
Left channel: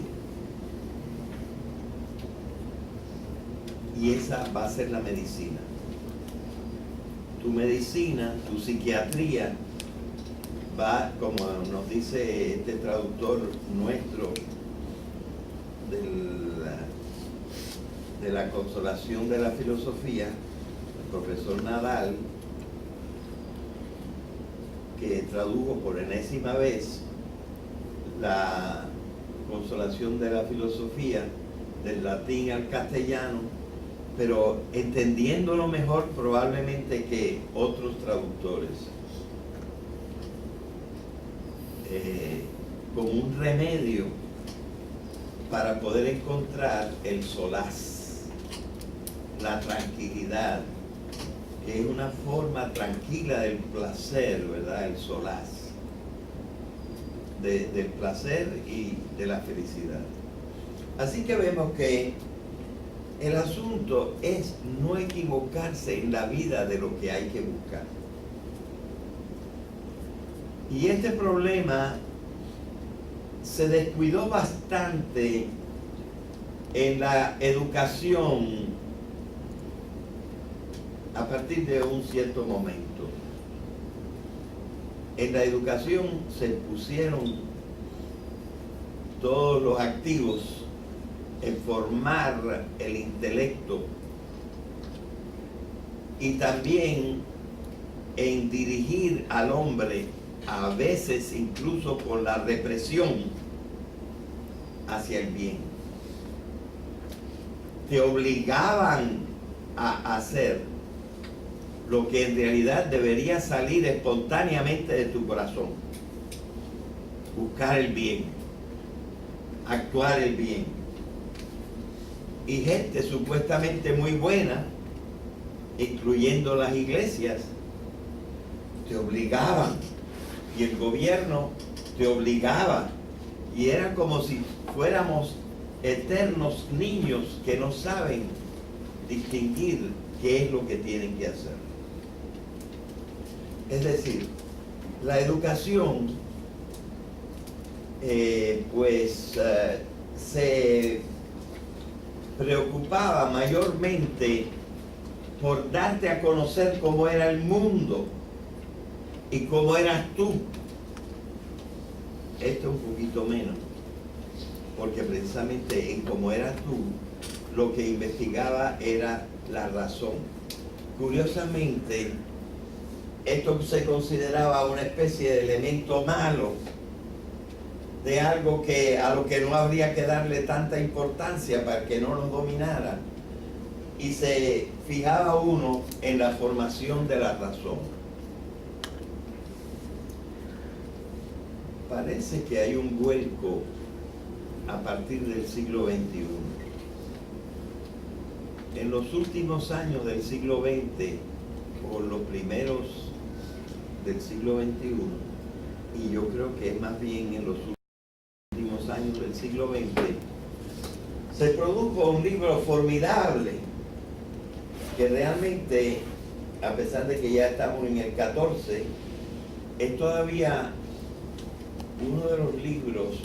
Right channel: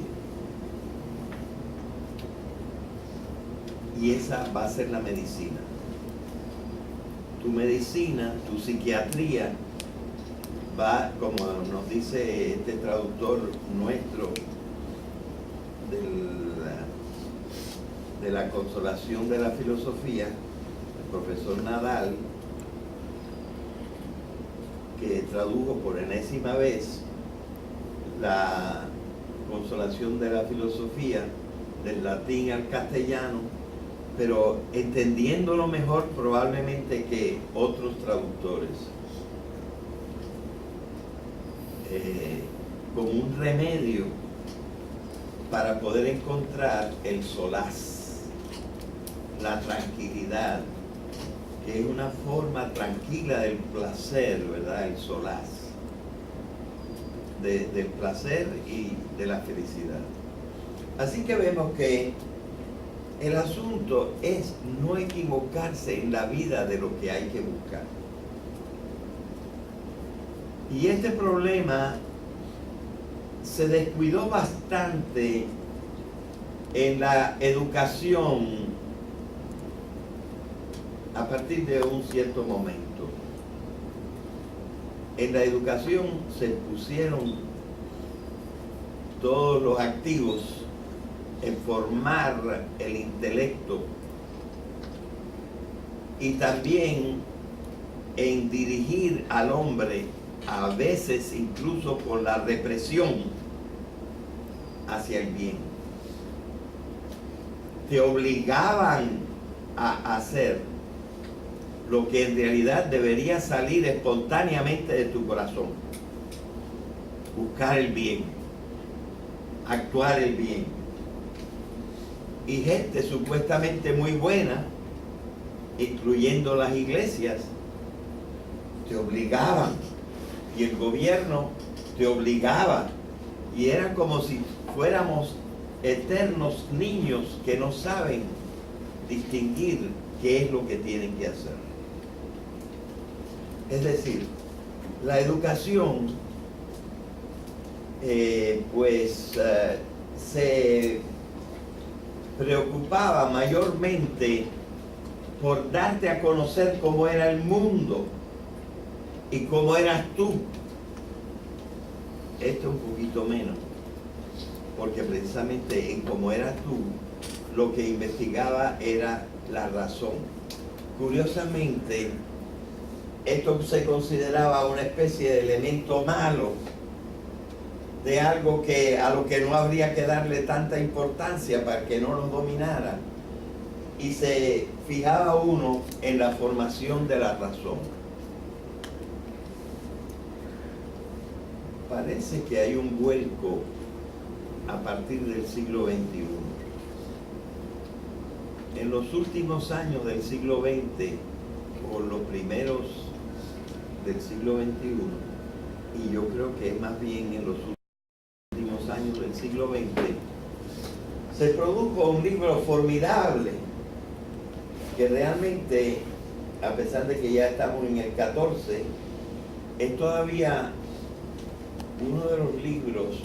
Y esa va a ser la medicina. Tu medicina, tu psiquiatría, va, como nos dice este traductor nuestro de la consolación de la filosofía, el profesor Nadal, que tradujo por enésima vez la consolación de la filosofía del latín al castellano, pero entendiéndolo mejor probablemente que otros traductores, como un remedio para poder encontrar el solaz, la tranquilidad, que es una forma tranquila del placer, ¿verdad? El solaz, del placer y de la felicidad. Así que vemos que el asunto es no equivocarse en la vida de lo que hay que buscar. Y este problema se descuidó bastante en la educación a partir de un cierto momento. En la educación se pusieron todos los activos en formar el intelecto y también en dirigir al hombre, a veces incluso con la represión, hacia el bien. Te obligaban a hacer lo que en realidad debería salir espontáneamente de tu corazón. Buscar el bien, actuar el bien. Y gente supuestamente muy buena, incluyendo las iglesias, te obligaban, y el gobierno te obligaba, y era como si fuéramos eternos niños que no saben distinguir qué es lo que tienen que hacer. Es decir, la educación se preocupaba mayormente por darte a conocer cómo era el mundo y cómo eras tú. Esto un poquito menos, porque precisamente en cómo eras tú, lo que investigaba era la razón. Curiosamente, esto se consideraba una especie de elemento malo, de algo a lo que no habría que darle tanta importancia para que no lo dominara. Y se fijaba uno en la formación de la razón. Parece que hay un vuelco a partir del siglo XXI. En los últimos años del siglo XX, o los primeros del siglo XXI, y yo creo que es más bien en los últimos años del siglo XX, se produjo un libro formidable que realmente, a pesar de que ya estamos en el 14, es todavía uno de los libros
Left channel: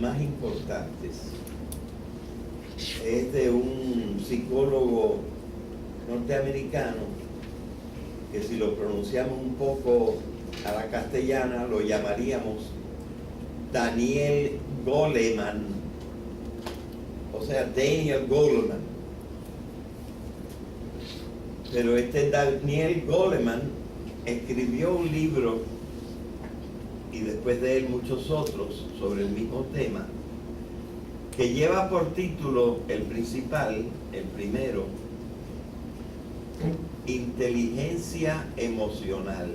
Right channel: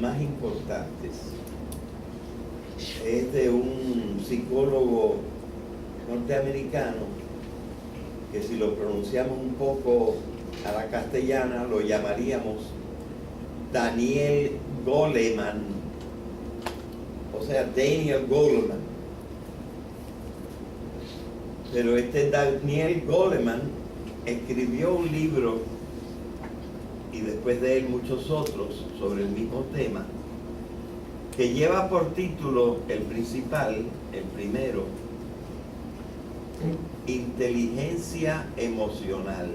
más importantes es de un psicólogo norteamericano que, si lo pronunciamos un poco a la castellana, lo llamaríamos Daniel Goleman, o sea, Daniel Goleman. Pero este Daniel Goleman escribió un libro, y después de él muchos otros, sobre el mismo tema, que lleva por título el principal, el primero, Inteligencia Emocional.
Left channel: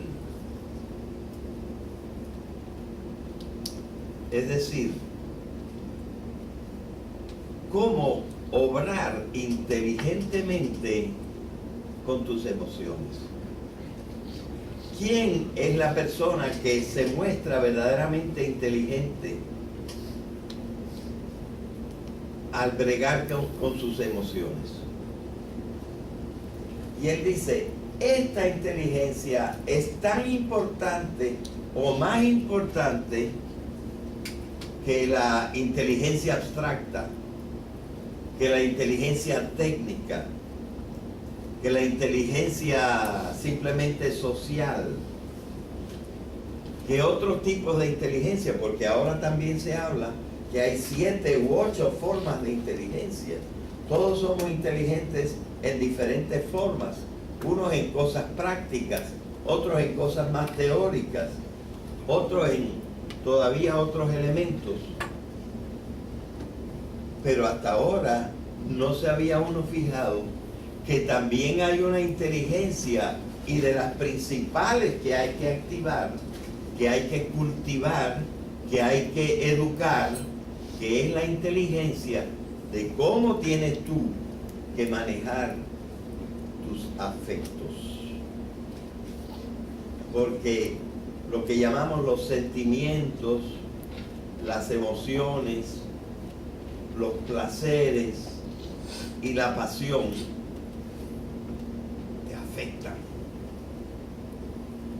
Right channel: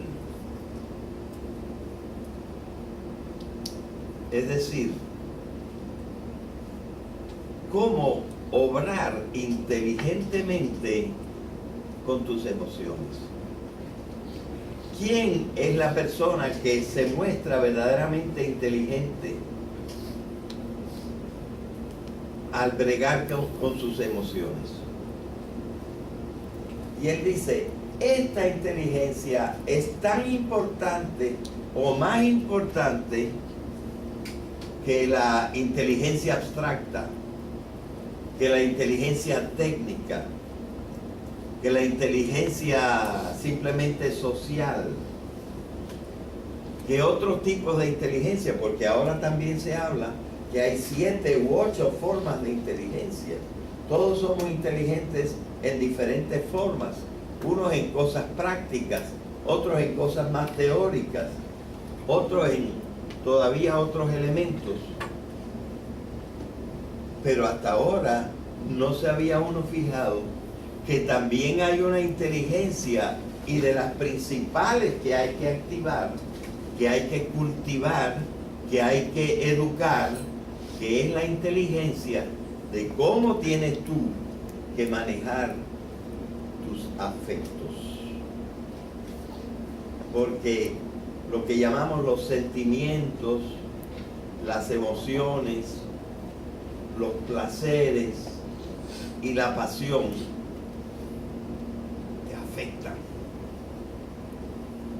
Es decir, cómo obrar inteligentemente con tus emociones. ¿Quién es la persona que se muestra verdaderamente inteligente al bregar con sus emociones? Y él dice, esta inteligencia es tan importante o más importante que la inteligencia abstracta, que la inteligencia técnica, que la inteligencia simplemente social, que otros tipos de inteligencia, porque ahora también se habla que hay 7 u 8 formas de inteligencia. Todos somos inteligentes en diferentes formas, unos en cosas prácticas, otros en cosas más teóricas, otros en todavía otros elementos. Pero hasta ahora no se había uno fijado que también hay una inteligencia, y de las principales que hay que activar, que hay que cultivar, que hay que educar, que es la inteligencia de cómo tienes tú que manejar tus afectos. Porque lo que llamamos los sentimientos, las emociones, los placeres y la pasión te afectan.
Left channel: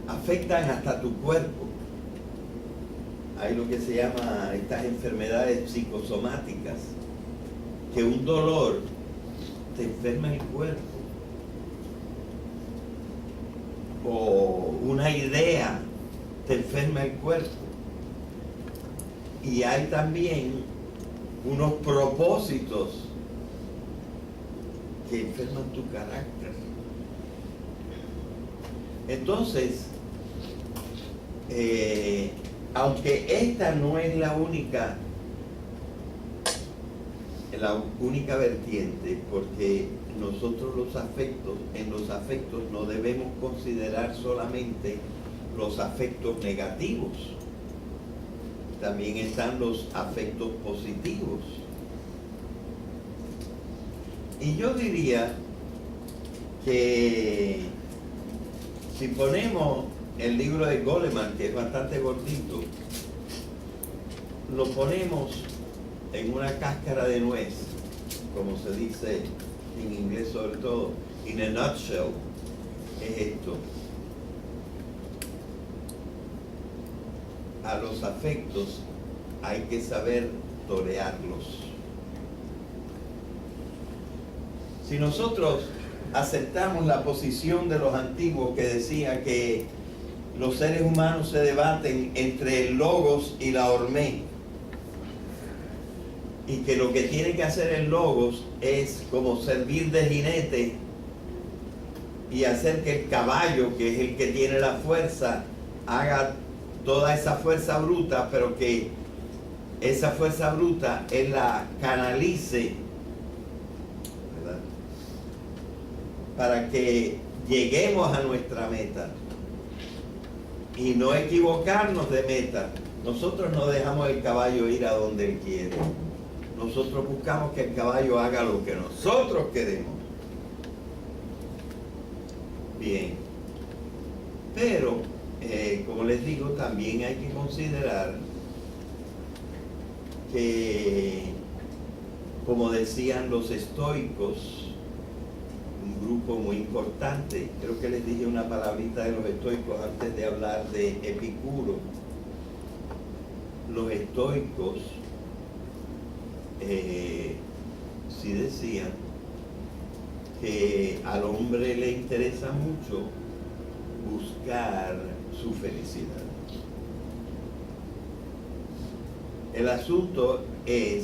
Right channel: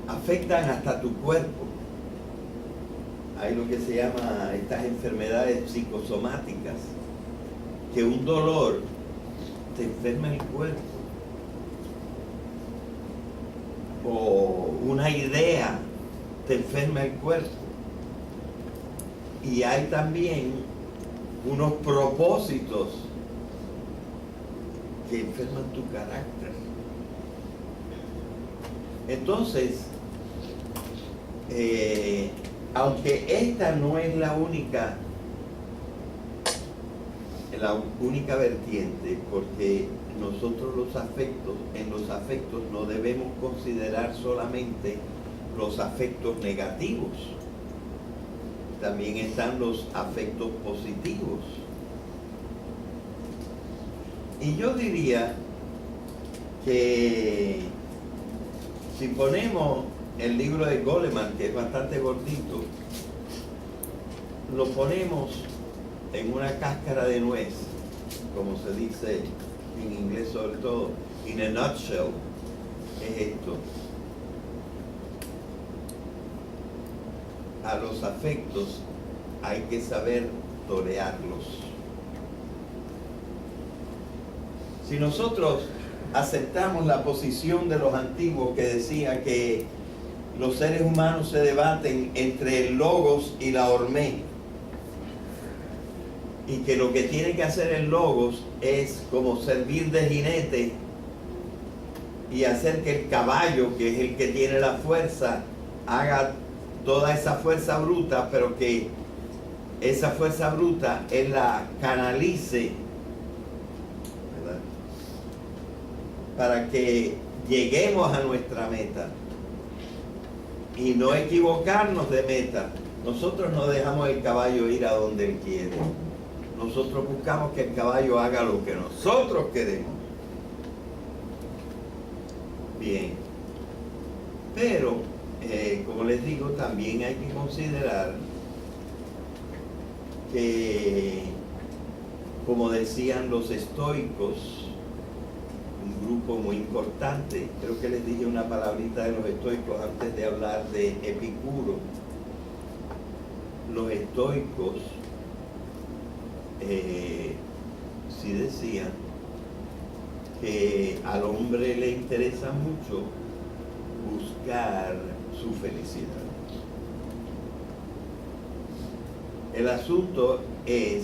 Afectan hasta tu cuerpo. Hay lo que se llama estas enfermedades psicosomáticas, que un dolor te enferma el cuerpo, o una idea te enferma el cuerpo. Y hay también unos propósitos que enferman tu carácter. Entonces, aunque esta no es la única vertiente, porque nosotros en los afectos no debemos considerar solamente los afectos negativos, también están los afectos positivos. Y yo diría que si ponemos el libro de Goleman, que es bastante gordito, lo ponemos en una cáscara de nuez, como se dice en inglés sobre todo, in a nutshell, es esto. A los afectos hay que saber torearlos. Si nosotros aceptamos la posición de los antiguos que decía que los seres humanos se debaten entre el logos y la hormé, y que lo que tiene que hacer el logos es como servir de jinete y hacer que el caballo, que es el que tiene la fuerza, haga toda esa fuerza bruta, pero que esa fuerza bruta él la canalice, ¿verdad?, para que lleguemos a nuestra meta y no equivocarnos de meta. Nosotros no dejamos el caballo ir a donde él quiere. Nosotros buscamos que el caballo haga lo que nosotros queremos. Bien. Pero, como les digo, también hay que considerar que, como decían los estoicos, un grupo muy importante, creo que les dije una palabrita de los estoicos antes de hablar de Epicuro. los estoicos sí decían que al hombre le interesa mucho buscar su felicidad. El asunto es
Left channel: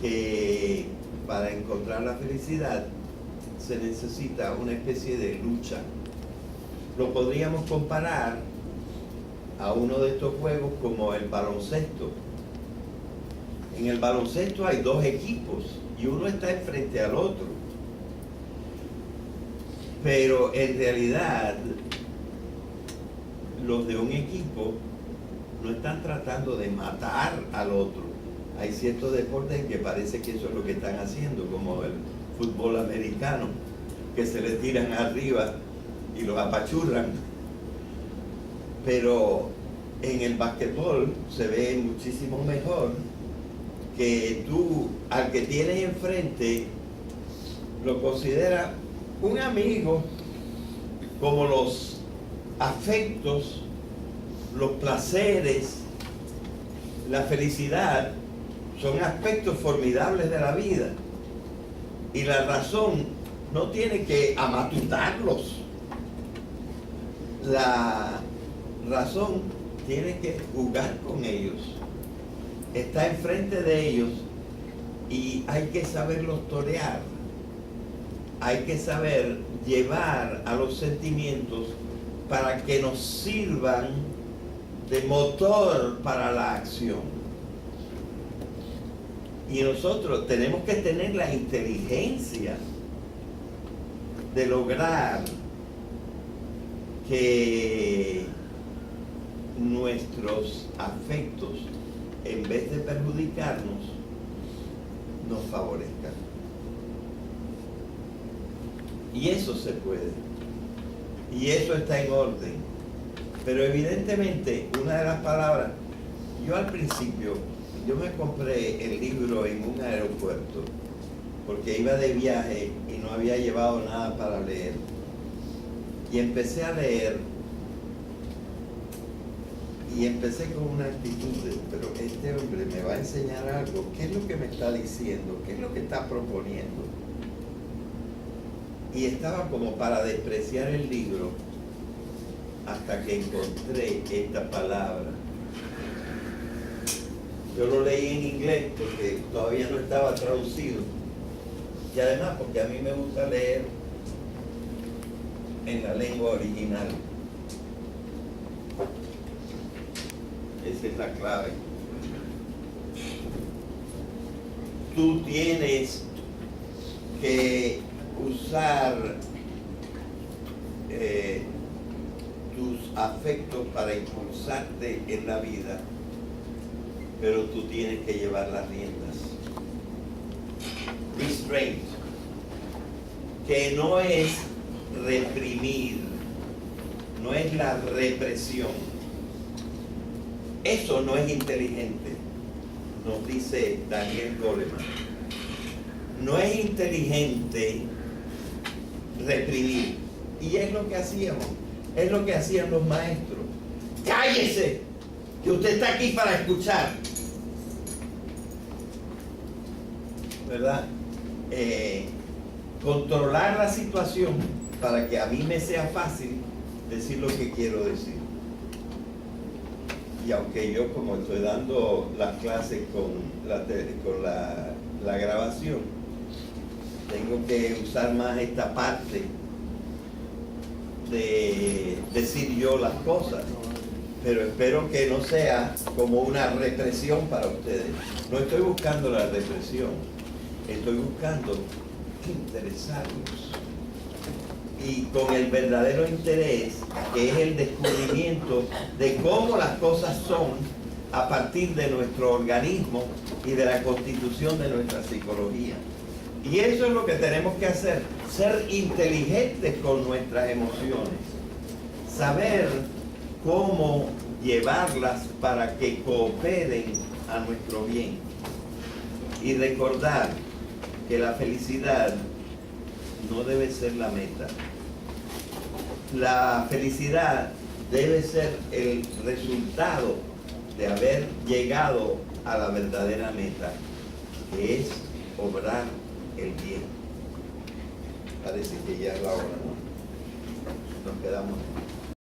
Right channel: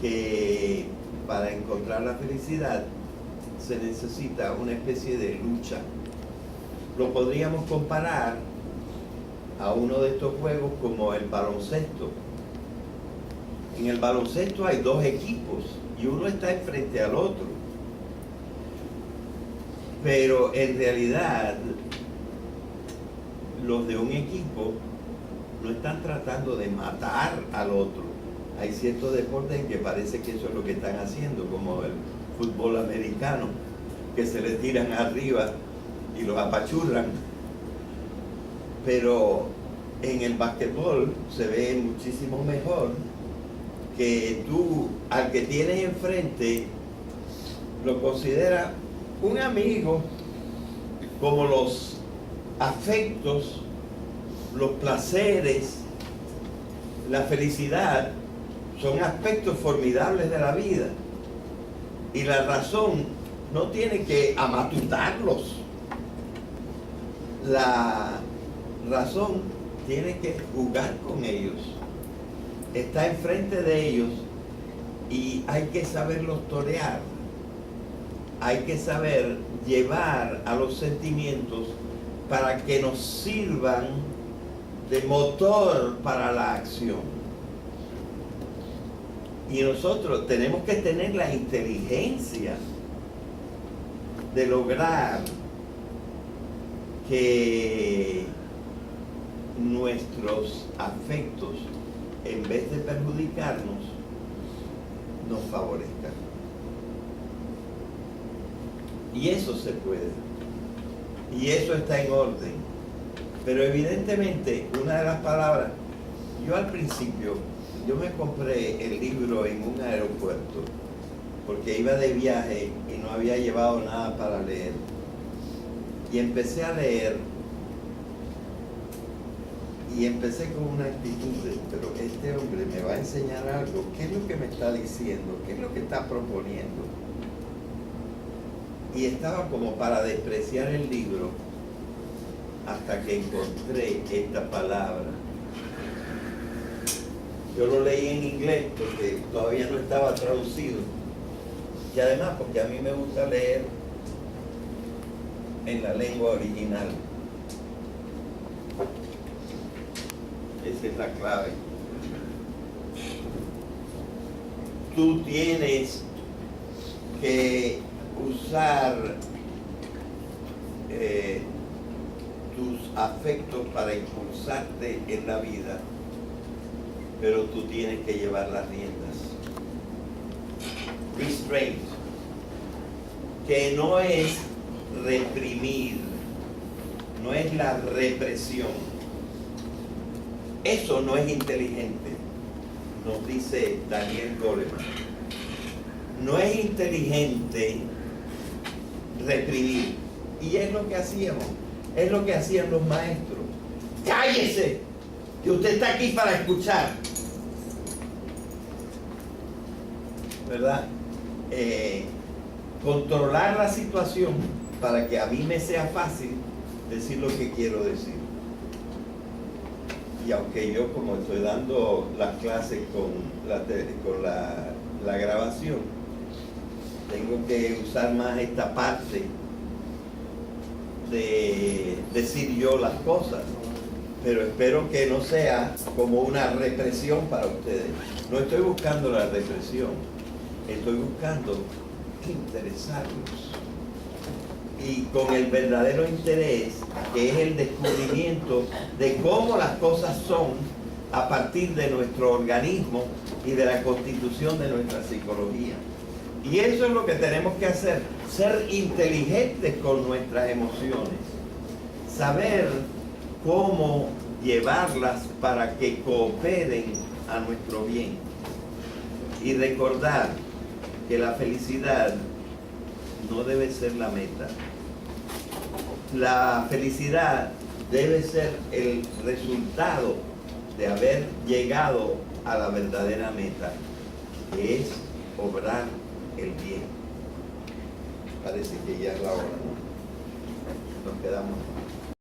que para encontrar la felicidad se necesita una especie de lucha. Lo podríamos comparar a uno de estos juegos como el baloncesto. En el baloncesto hay dos equipos y uno está enfrente al otro. Pero en realidad los de un equipo no están tratando de matar al otro. Hay ciertos deportes en que parece que eso es lo que están haciendo, como el fútbol americano, que se les tiran arriba y los apachurran. Pero en el basquetbol se ve muchísimo mejor que tú, al que tienes enfrente, lo consideras un amigo, como los afectos, los placeres, la felicidad son aspectos formidables de la vida, y la razón no tiene que amatutarlos. La razón tiene que jugar con ellos, está enfrente de ellos, y hay que saberlos torear, hay que saber llevar a los sentimientos para que nos sirvan de motor para la acción. Y nosotros tenemos que tener la inteligencia de lograr que nuestros afectos, en vez de perjudicarnos, nos favorezcan. Y eso se puede. Y eso está en orden. Pero evidentemente, una de las palabras, yo al principio, yo me compré el libro en un aeropuerto, porque iba de viaje y no había llevado nada para leer. Y empecé a leer, y empecé con una actitud de, pero este hombre me va a enseñar algo, ¿qué es lo que me está diciendo? ¿Qué es lo que está proponiendo? Y estaba como para despreciar el libro, hasta que encontré esta palabra. Yo lo leí en inglés porque todavía no estaba traducido, y además porque a mí me gusta leer en la lengua original. Esa es la clave. Tú tienes que usar tus afectos para impulsarte en la vida, pero tú tienes que llevar las riendas. Restraint, que no es reprimir, no es la represión. Eso no es inteligente, nos dice Daniel Goleman. No es inteligente reprimir. Y es lo que hacíamos, es lo que hacían los maestros. ¡Cállese! Que usted está aquí para escuchar. ¿Verdad? Controlar la situación para que a mí me sea fácil decir lo que quiero decir. Y aunque yo, como estoy dando las clases con la grabación, tengo que usar más esta parte de decir yo las cosas, pero espero que no sea como una represión para ustedes. No estoy buscando la represión, estoy buscando interesarlos, y con el verdadero interés, que es el descubrimiento de cómo las cosas son a partir de nuestro organismo y de la constitución de nuestra psicología. Y eso es lo que tenemos que hacer, ser inteligentes con nuestras emociones, saber cómo llevarlas para que cooperen a nuestro bien, y recordar que la felicidad no debe ser la meta. La felicidad debe ser el resultado de haber llegado a la verdadera meta, que es obrar el bien. Parece que ya es la hora, ¿no? Nos quedamos.